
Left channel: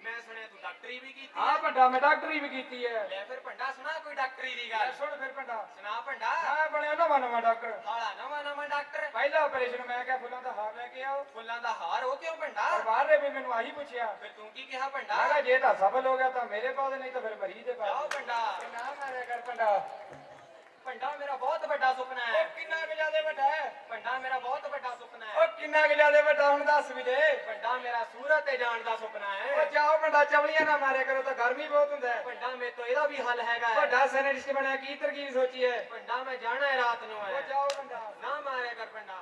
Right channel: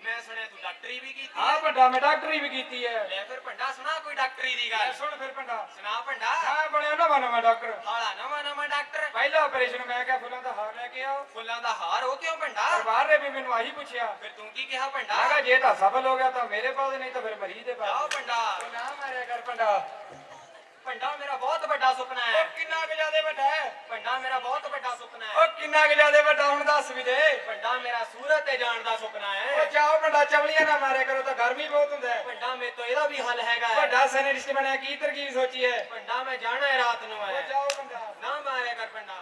ਮੈਂ ਸੁਣਿਆ ਤੂੰ ਡਾਕਟਰੀ ਵੀ ਕੀਤੀ ਹਾਂ ਭੰਡਾ ਮੈਂ ਡਾਕਟਰੀ ਵੀ ਕੀਤੀ ਹੈ ਲੈ ਫਿਰ ਭੰਡਾ ਸੁਣਾ ਕੋਈ ਡਾਕਟਰੀ ਦੀ ਗੱਲ ਸੁਣ ਫਿਰ ਭੰਡਾ ਸੁਣਾ ਭੰਡਾ ਮੈਂ ਬਣਿਆ ਨਵਾਂ ਡਾਕਟਰ ਹਾਲਾ ਨਵਾਂ ਡਾਕਟਰ ਪਹਿਲਾ ਆਪਰੇਸ਼ਨ ਮੈਂ ਕਿਹਾ ਫੁੱਲਾਂ ਦਾ ਹਾਰ ਲੈ ਕੇ ਆਓ ਫੁੱਲਾਂ ਦਾ ਹਾਰ ਉਹ ਕਿਉਂ ਭੰਡਾ ਪਰਿਵਾਰ ਨੇ ਵੀ ਮੈਨੂੰ ਆਹੀ ਪੁੱਛਿਆ ਫਿਰ ਤੂੰ ਕੀ ਕਿਹਾ ਭੰਡਾ ਮੈਂ ਕਿਹਾ ਜੇ ਤਾਂ ਸਫਲ ਹੋ ਗਿਆ ਤਾਂ ਮੇਰੇ ਪਾਸ ਨਹੀਂ ਤਾਂ ਫਿਰ ਮਰੀਜ਼ ਦੇ ਜਾਓ ਪਾਸ ਭੰਡਾ ਨਾ ਮਾਰਿਆ ਕਰ ਭੰਡਾ ਭੰਡਾ ਮੇਰਾ ਬਹੁਤ ਵੱਡਾ ਸੁਪਨਾ ਹੈ ਉਹ ਕਿੰਨਾ ਕੁ ਜ਼ਿਆਦਾ ਵੱਡਾ ਹੈ ਭੰਡਾ ਮੇਰਾ ਬਹੁਤ ਵੱਡਾ ਸੁਪਨਾ ਹੈ ਉਹ ਕਿੰਨਾ ਕੁ ਜ਼ਿਆਦਾ ਵੱਡਾ ਹੁਣ ਦੱਸ ਵੀ ਦੇ ਭੰਡਾ ਮੇਰਾ ਸੂਰਤ ਤੇ ਜਾਣ ਦਾ ਸੁਪਨਾ ਉਹ ਹੈ ਜਾਓ ਭੰਡਾ ਚਵਲੀਆਂ ਨਾ ਮਾਰਿਆ ਕਰੋ ਤਾਂ ਗਰਮੀ ਬਹੁਤ ਹੁੰਦਾ ਹੈ ਭੰਡਾ ਮੇਰੇ ਤੋਂ ਇਹਦਾ ਵੀ ਹੱਲ ਹੈਗਾ ਹੈ ਵੱਡਾ ਸਾਇੰਟਿਸਟ ਬਣਿਆ ਕੀ ਤਰਕੀਬ ਸੋਚੀ ਹੈ ਭੰਡਾ ਮੈਂ ਜਾਣਾ ਹੈ ਰਾਤ ਨੂੰ ਉਹ ਹੈ ਜਾਓ ਭੰਡਾ ਨਾ ਮਾਰਿਆ ਕਰ ਭੰਡਾ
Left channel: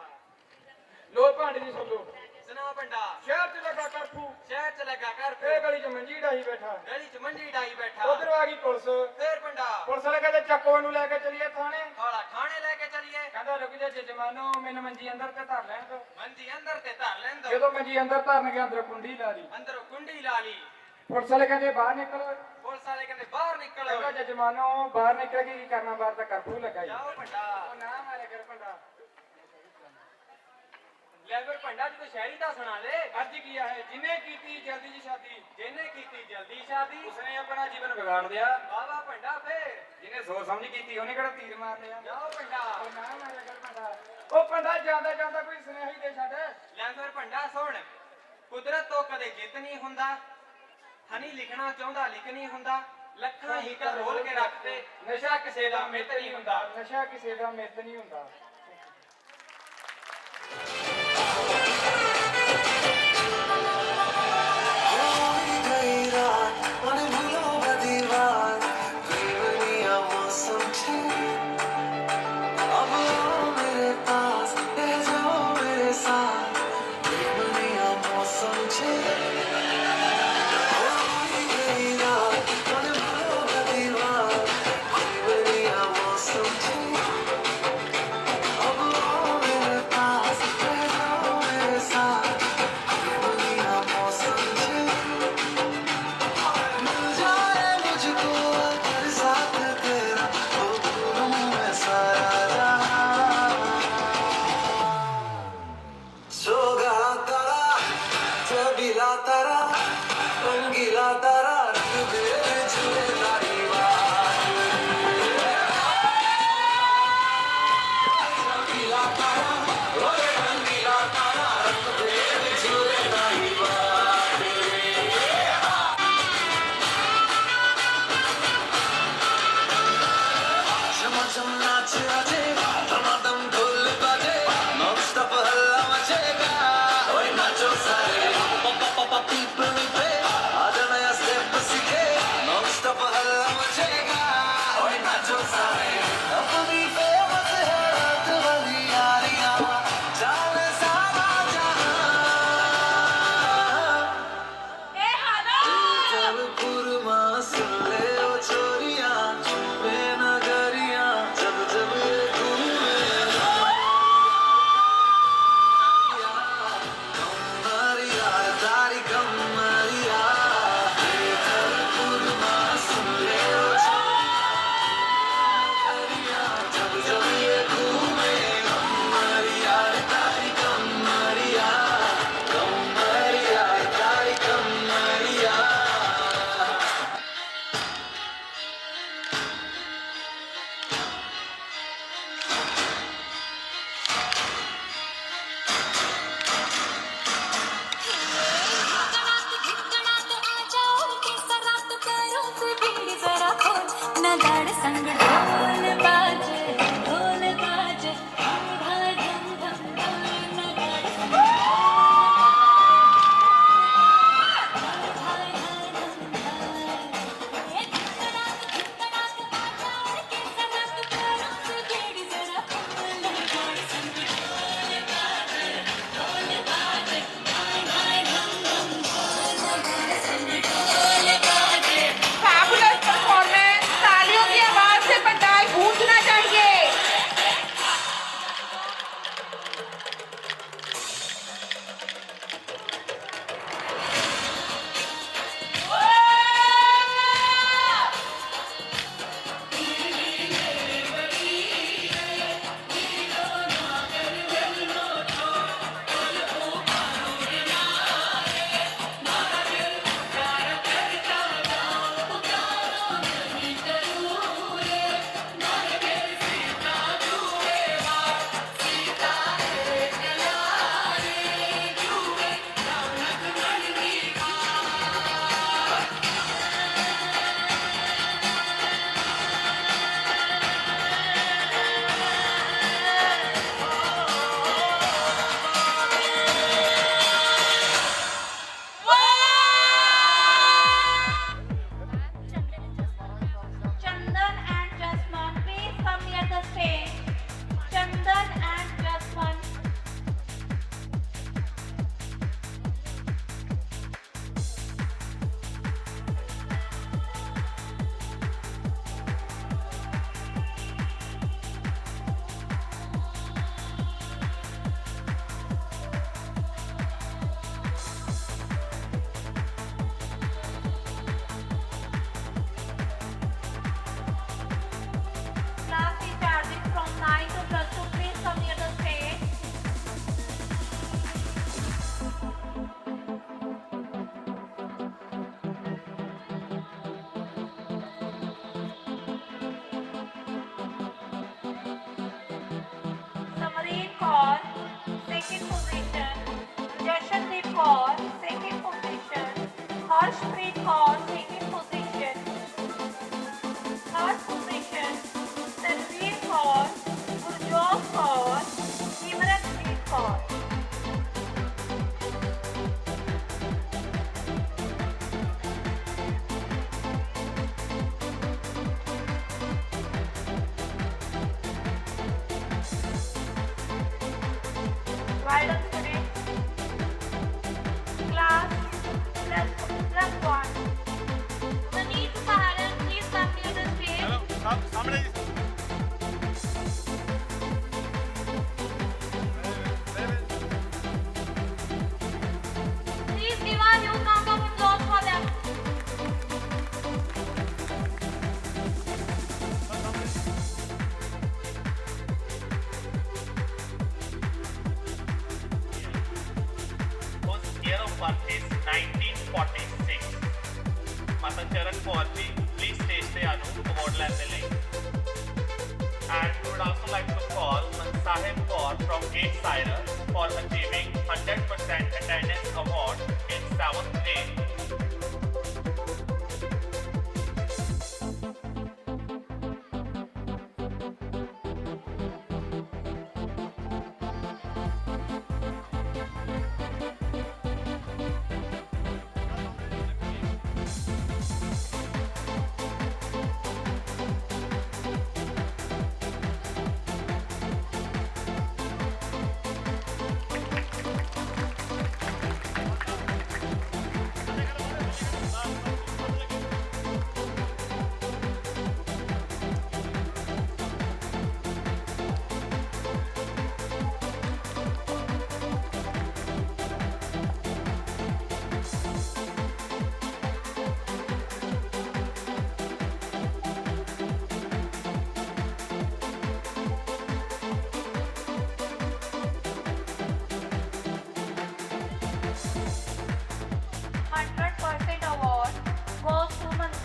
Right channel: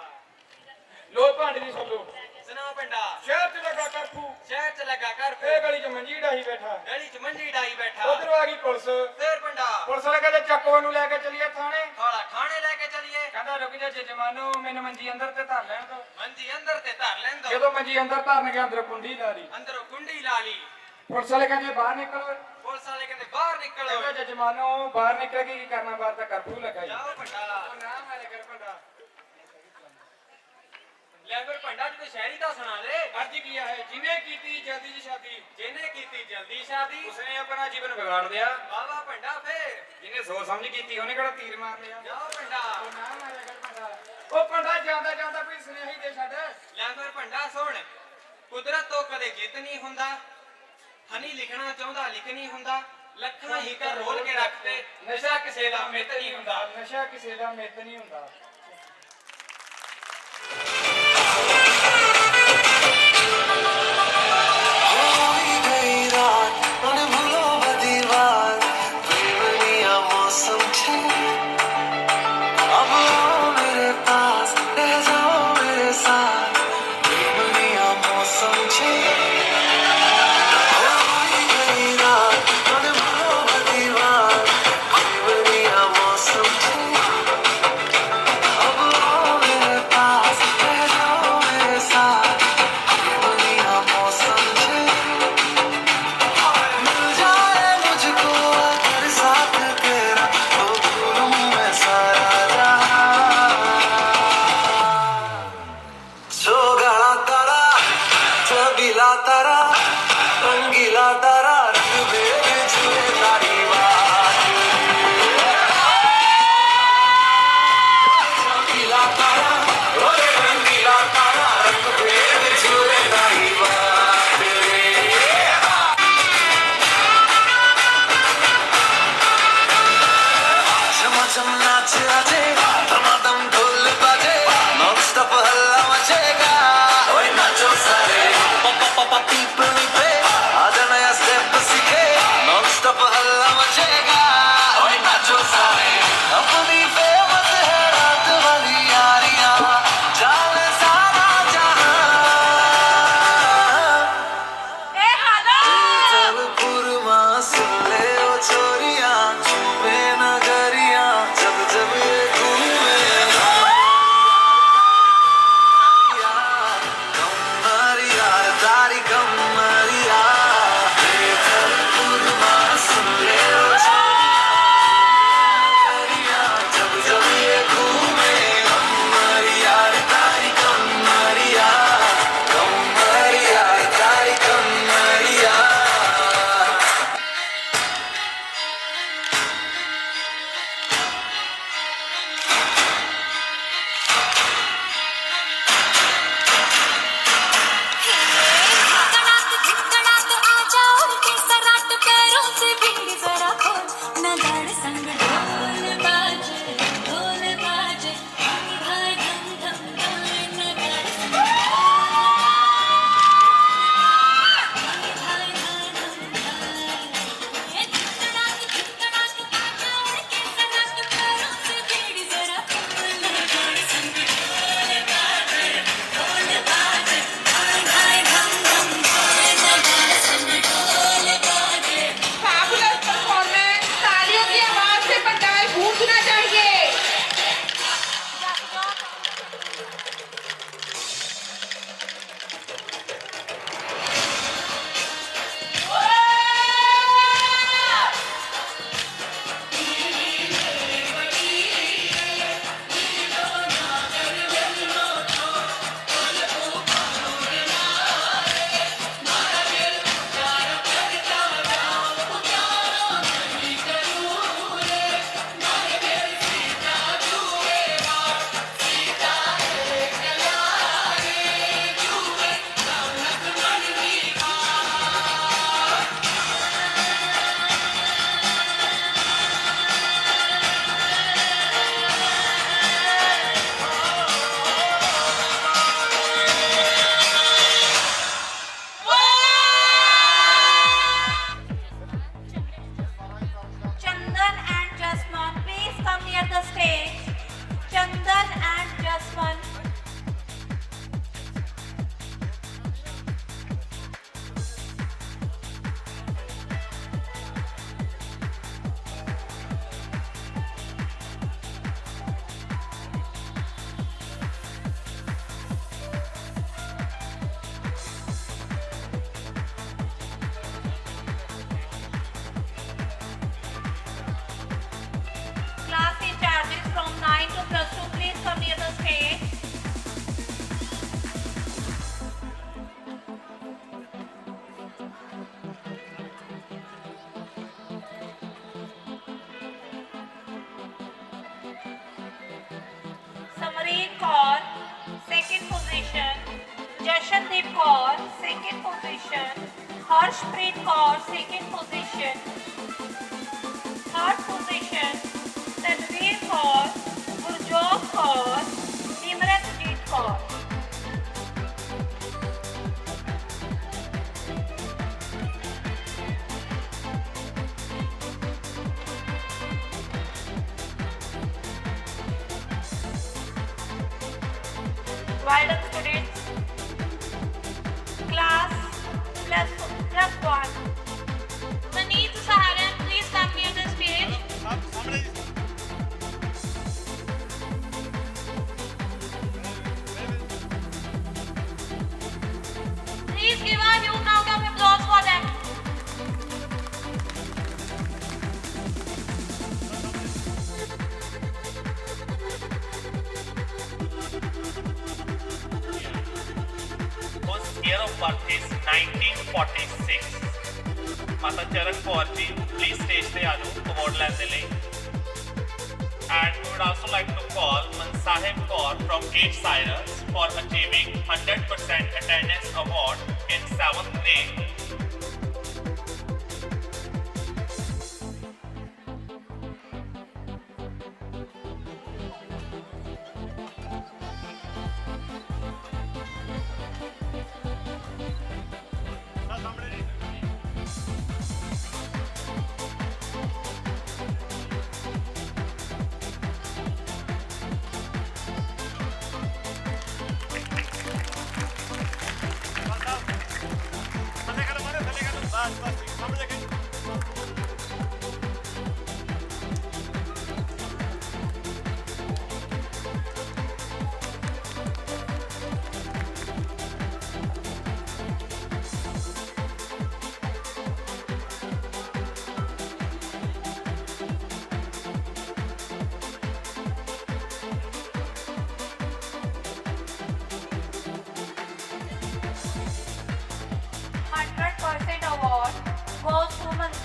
ਲੋ ਭਾਂਡੇ ਦੀ ਸੁਣ ਲੋ ਸੁਣਾ ਭੰਡਾ ਸ਼ਹਿਰ ਚ ਲੱਗਾ ਕਰਫੂ ਸ਼ਹਿਰ ਚ ਲੱਗਾ ਕਰ ਇਹ ਗਲੀ ਚ ਮੰਜੀ ਢਾਈ ਬੈਠਾ ਗਲੀ ਚ ਮੰਜੀ ਡਾਈ ਬੈਠਾ ਉਧਰ ਆ ਗਈ ਪੁਲਿਸ ਫੇਰ ਭੰਡਾ ਪੁਲਿਸ ਵਾਲੇ ਕਹਿੰਦੇ ਚੱਕੋ ਨੂੰ ਲੈ ਕੇ ਚਲੀਏ ਥਾਣੇ ਥੋੜਾ ਥਾਣੇ ਲੈ ਕੇ ਚਲੀਏ ਕਹਿੰਦਾ ਰੁਕ ਜਾ ਜਮਾਨੋ ਮੈਨੂੰ ਮੰਜੀ ਅੰਦਰ ਤੇ ਧਰ ਲੈਣ ਦੋ ਮੰਜੀ ਅੰਦਰ ਤੇ ਧਰ ਲੈਣ ਦੋ ਜਦੋਂ ਮੰਜੀ ਅੰਦਰ ਧਰਨ ਗਿਆ ਅੰਦਰ ਕੁੰਡੀ ਲਾ ਲਈ ਅੰਦਰੋਂ ਕੁੰਡੀ ਲਾ ਲਈ ਪੁਲਿਸ ਵਾਲੇ ਕਹਿੰਦੇ ਬਾਹਰ ਨਿਕਲੋ ਪੁਲਿਸ ਵਾਲੇ ਕਹਿੰਦੇ ਬਾਹਰ ਨਿਕਲੋ ਕਹਿੰਦਾ ਜਜਮਾਨੋ ਬਾਹਰ ਨਿਕਲ ਕੇ ਕੀ ਕਰਨਾ ਬਾਹਰ ਤਾਂ ਕਰਫਿਊ ਲੱਗਾ ਜੀ ਜਾਓ ਭੰਡਾ ਉਹ ਨਾ ਮਾਰੇ ਕਰ ਭੰਡਾ ਲੈ ਫਿਰ ਭੰਡਾ ਜੀ ਸ਼ਹਿਰੀ ਦਾ ਸੁਣਾ ਦੇ अर्ज किया है जिन्हें की थी जल्दी जी शादी ਜਿਹਨੇ ਕੀਤੀ ਜਲਦੀ ਸ਼ਾਦੀ उसने अपना जीवन बिगाड़ दिया ਬਾਵਾ ਭੰਡਾ ਫੇਰ जिन्हें सोच समझ की थी उन्हें कड़ा तीर मार लिया ਜਾਓ ਭੰਡਾ ओ ना मारे कर भंडा ओ भंडा ਜਾਂਦਾ ਜਾਂਦਾ ਕੋਈ ਸੁਨੇਹਾ ਹੀ ਦੇ ਛੱਡ ਲੈ ਫਿਰ ਭੰਡਾ ਸੁਣ ਕੁਦਰਤ ਤੋਂ ਕਦੇ ਜਿੱਤ ਨਹੀਂ ਹੁੰਦਾ ਹਨੀ ਲਿਖਣਾ ਚਾਹੁੰਦਾ ਲਿਖ ਨਹੀਂ ਹੁੰਦਾ ਲੱਖਾਂ ਹੀ ਕਰ ਰੋਲ ਕੇ ਰੱਖਦੇ ਨਸ਼ਾ ਕਿਸੇ ਦਾ ਮਿੱਤ ਨਹੀਂ ਹੁੰਦਾ ਨਸ਼ਾ ਕਿਸੇ ਦਾ ਮਿੱਤ ਨਹੀਂ ਹੁੰਦਾ Welcome students. Class +1. Manish Sahara, please come near the stage. Please give a huge round of applause for them. Whose year of birth is 1946. Mata Charan Kaur ji, please stage te aajo award ਲੈਣ ਦੇ ਲਈ. And we would also like to call Sahib Kaur from 8 Cyrus for achieving 100% attendance award in 7th day.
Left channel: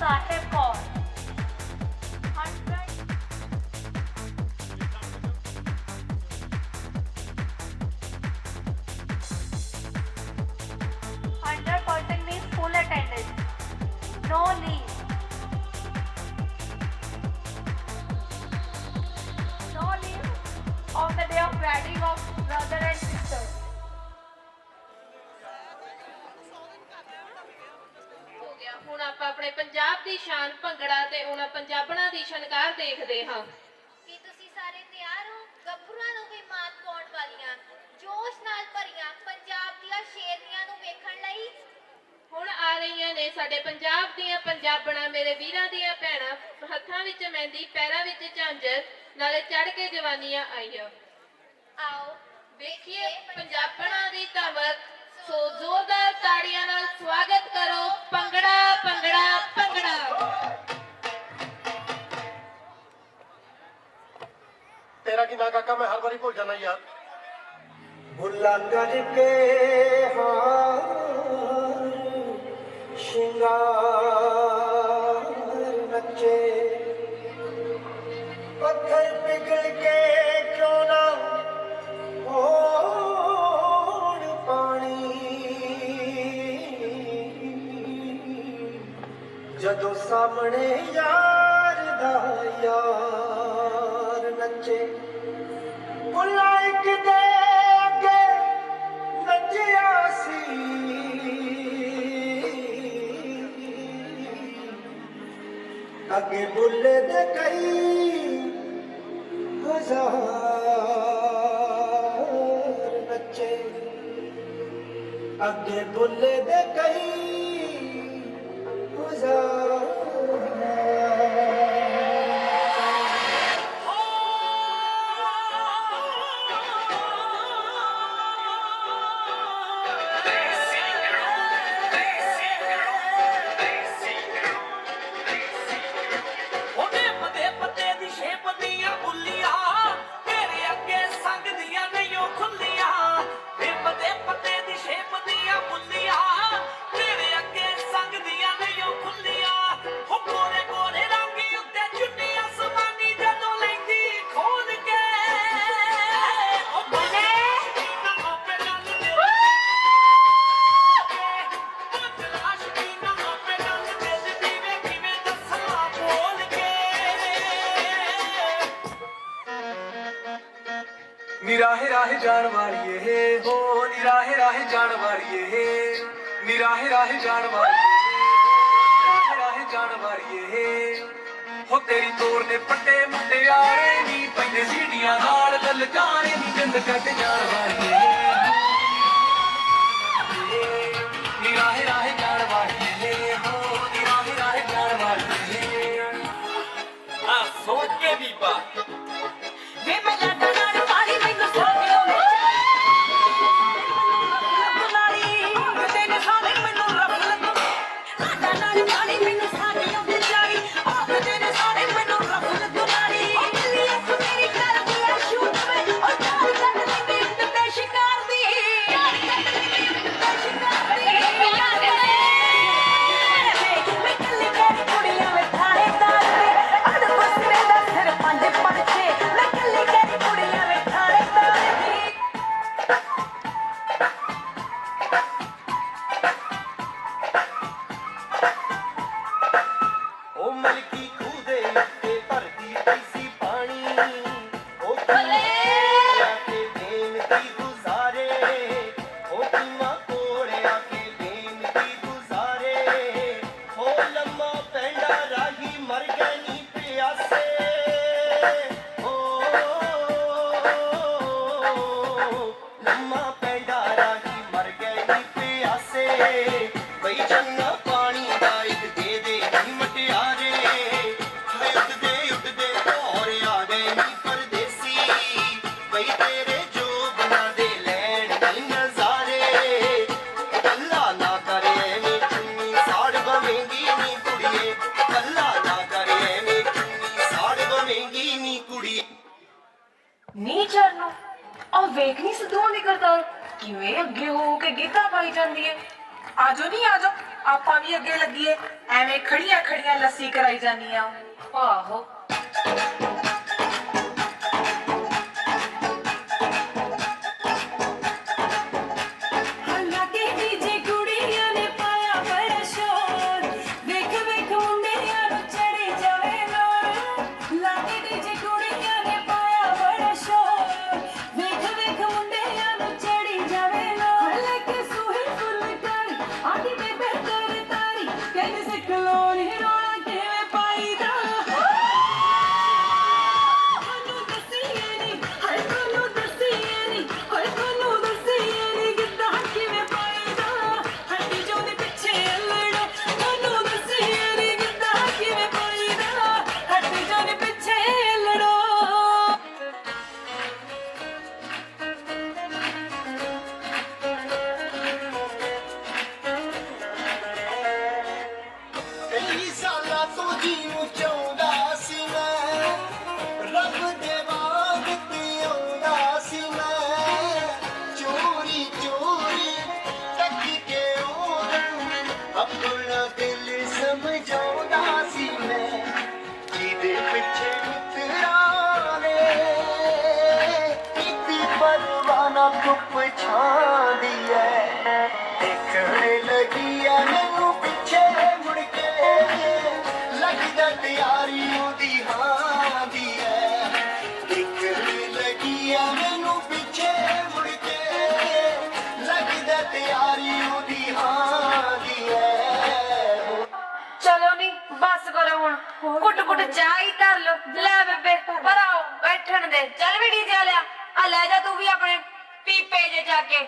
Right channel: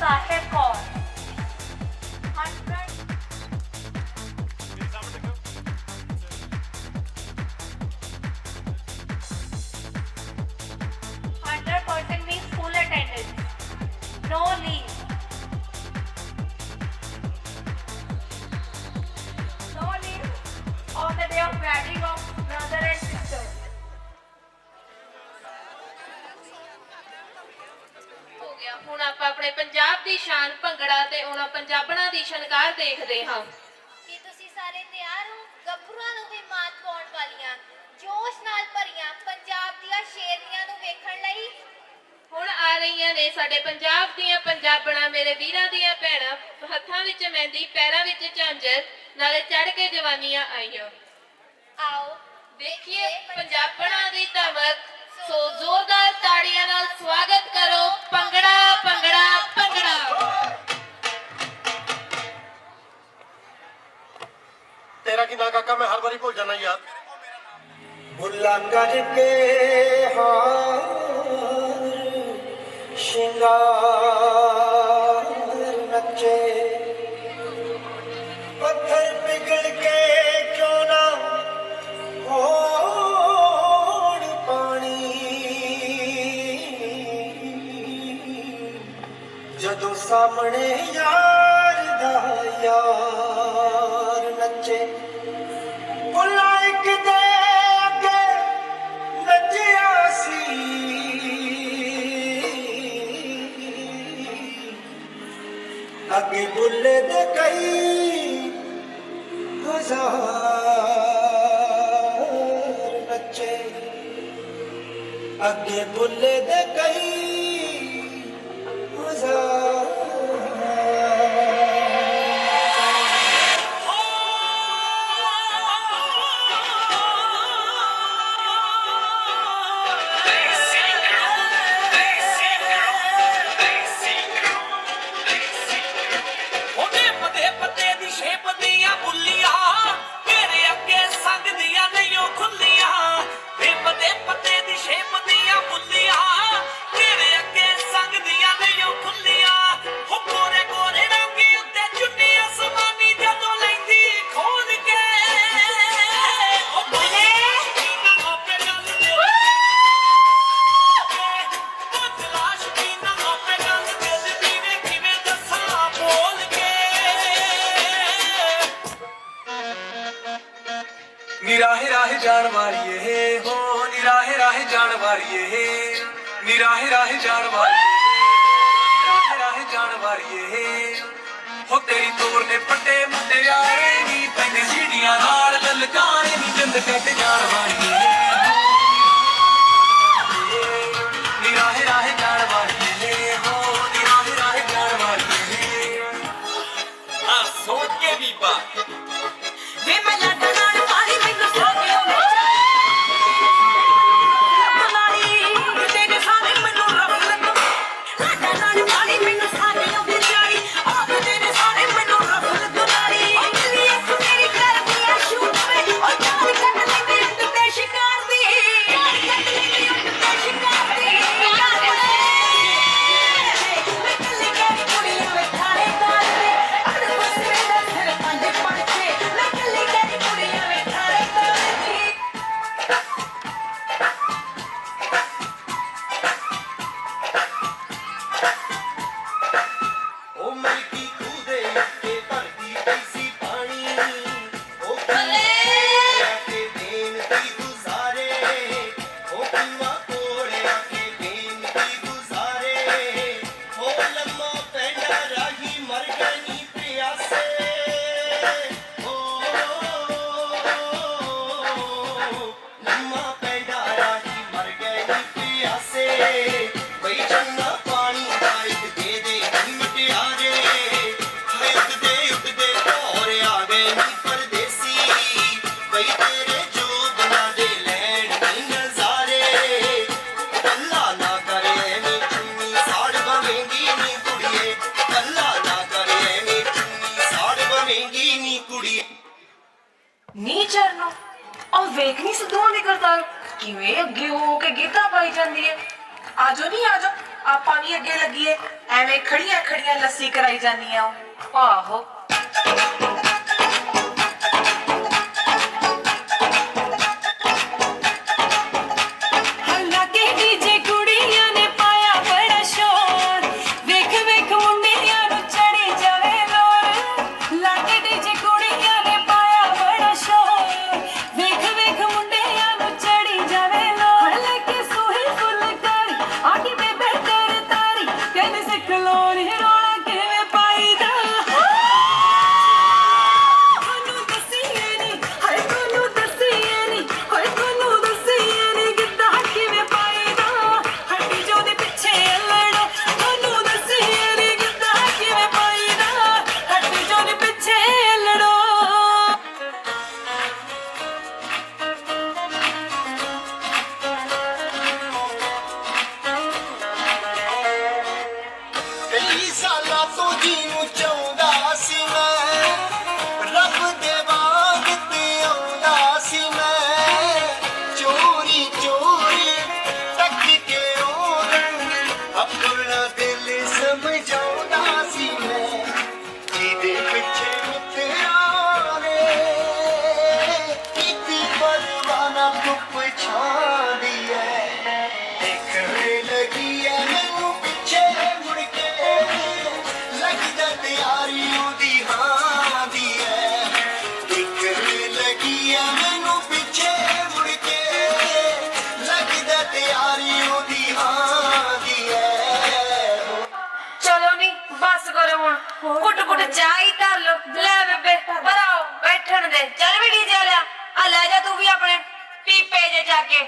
Sahib Kaur. 100. means full attendance. No leave. No leave on the day of wedding of brother and sister. ਹੋ ਗਿਆ। ਹੁਣ ਆਪਾਂ ਆਪਣੇ ਪੰਜਾਬ ਦੀ ਸ਼ਾਨ ਭੰਗੜਾ ਤੇ ਉਹਨਾਂ ਪੰਜਾਬਣਾਂ ਦੀ ਸ਼ਨਕਾਰ ਦੇਖਦੇ ਹਾਂ। ਕੀ ਤੁਸੀਂ ਸਾਰੇ ਤਿਆਰ ਹੋ? ਗੱਭਰੂਆਂ ਨੂੰ ਵੀ ਮਾਤ ਪਾਉਣ ਵਾਲੀਆਂ ਜੋਸ਼ ਨਾਲ ਭਰੀਆਂ ਪੰਜਾਬ ਦੀਆਂ ਸ਼ੇਰਨੀਆਂ ਨੂੰ ਵੇਖਣ ਲਈ ਹੁਣ ਆ ਰਹੀਆਂ ਨੇ ਸਾਡੇ ਪੰਜਾਬ ਦੀਆਂ ਪੰਜਾਬਣਾਂ, ਮੇਰੇ ਵੀਰਾਂ ਦੀਆਂ ਭੈਣਾਂ, ਹੱਥਾਂ ਵਿੱਚ ਮਹਿੰਦੀ, ਪੈਰਾਂ ਵਿੱਚ ਝਾਂਜਰ, ਨਾਲੇ ਚੜ ਕੇ ਜਵਾਨੀਆਂ ਆਈਆਂ। ਆਓ ਦੇਖੀਏ ਪੰਜਾਬਣਾਂ ਦੀ ਧਮਕ। ਸੋ ਜ਼ੋਰਦਾਰ ਤਾੜੀਆਂ ਨਾਲ ਸਵਾਗਤ ਕਰੋ ਭੰਗੜਾ ਭੰਗੜਾ ਭੰਗੜਾ। तेरा की ना काका मैं हर बारी भूल जाना यार। भुला करके हार श्रृंगार नचे पत्थर पिघल के क्यों ना होड़ पानी जदों सामने यार दा यार नचे बुलाइक दे अगे नचिया सी अगे बुले दे कई हजार नचे अगे बुले दे कई हजार निराहे राहे जान वालिए हो निराहे राहे जान वालिए निराहे राहे जान वालिए राहे जान वालिए हो तेरी तोर ने पट्टे मुंडे यारे नी पैंदे सीढ़ियां नाल ललकारे नी जंद कट जान वालिए लम्मा पैदा राही मर गए नी प्यासे बई चंगा पानी दा इक दे दे नी मटियारे उठदे और आ गए नी परदेसी बई तेरे जो बना दे लैन नी नजारे अल्लाह ना करे नी चुन्नी साड़ बवेंगी नी कुड़िए अल्लाह ना करे नी चुन्नी साड़ बवेंगी नी कुड़िए ਨੀ ਚਰਨੋ ਆ ਵੇਖ ਨਹੀਂ ਸਿੱਧੂ ਨਿਕਲਦਾ ਕਿਵੇਂ ਅੱਗੇ ਹੋ ਕੇ ਗੀਤਾ ਪਾਈ ਜਾਂਦੀ ਹੈ ਆਜੋ ਨਹੀਂ ਆਜੋ ਆਪਾਂ ਵੀ ਅੱਗੇ ਲੱਗੀਏ ਐਵੇਂ ਖੜੀਆਂ ਖੜੀਆਂ ਲੱਸੀ ਕਰਾਈ ਜਾਂਦੀਆਂ ਆਹੋ कुट कुट चाह ही धर लो ले बेबे पर आओ बैठन दे चल भी डीजे लिया आ ले जा तू भी अपने पीपे जे जाके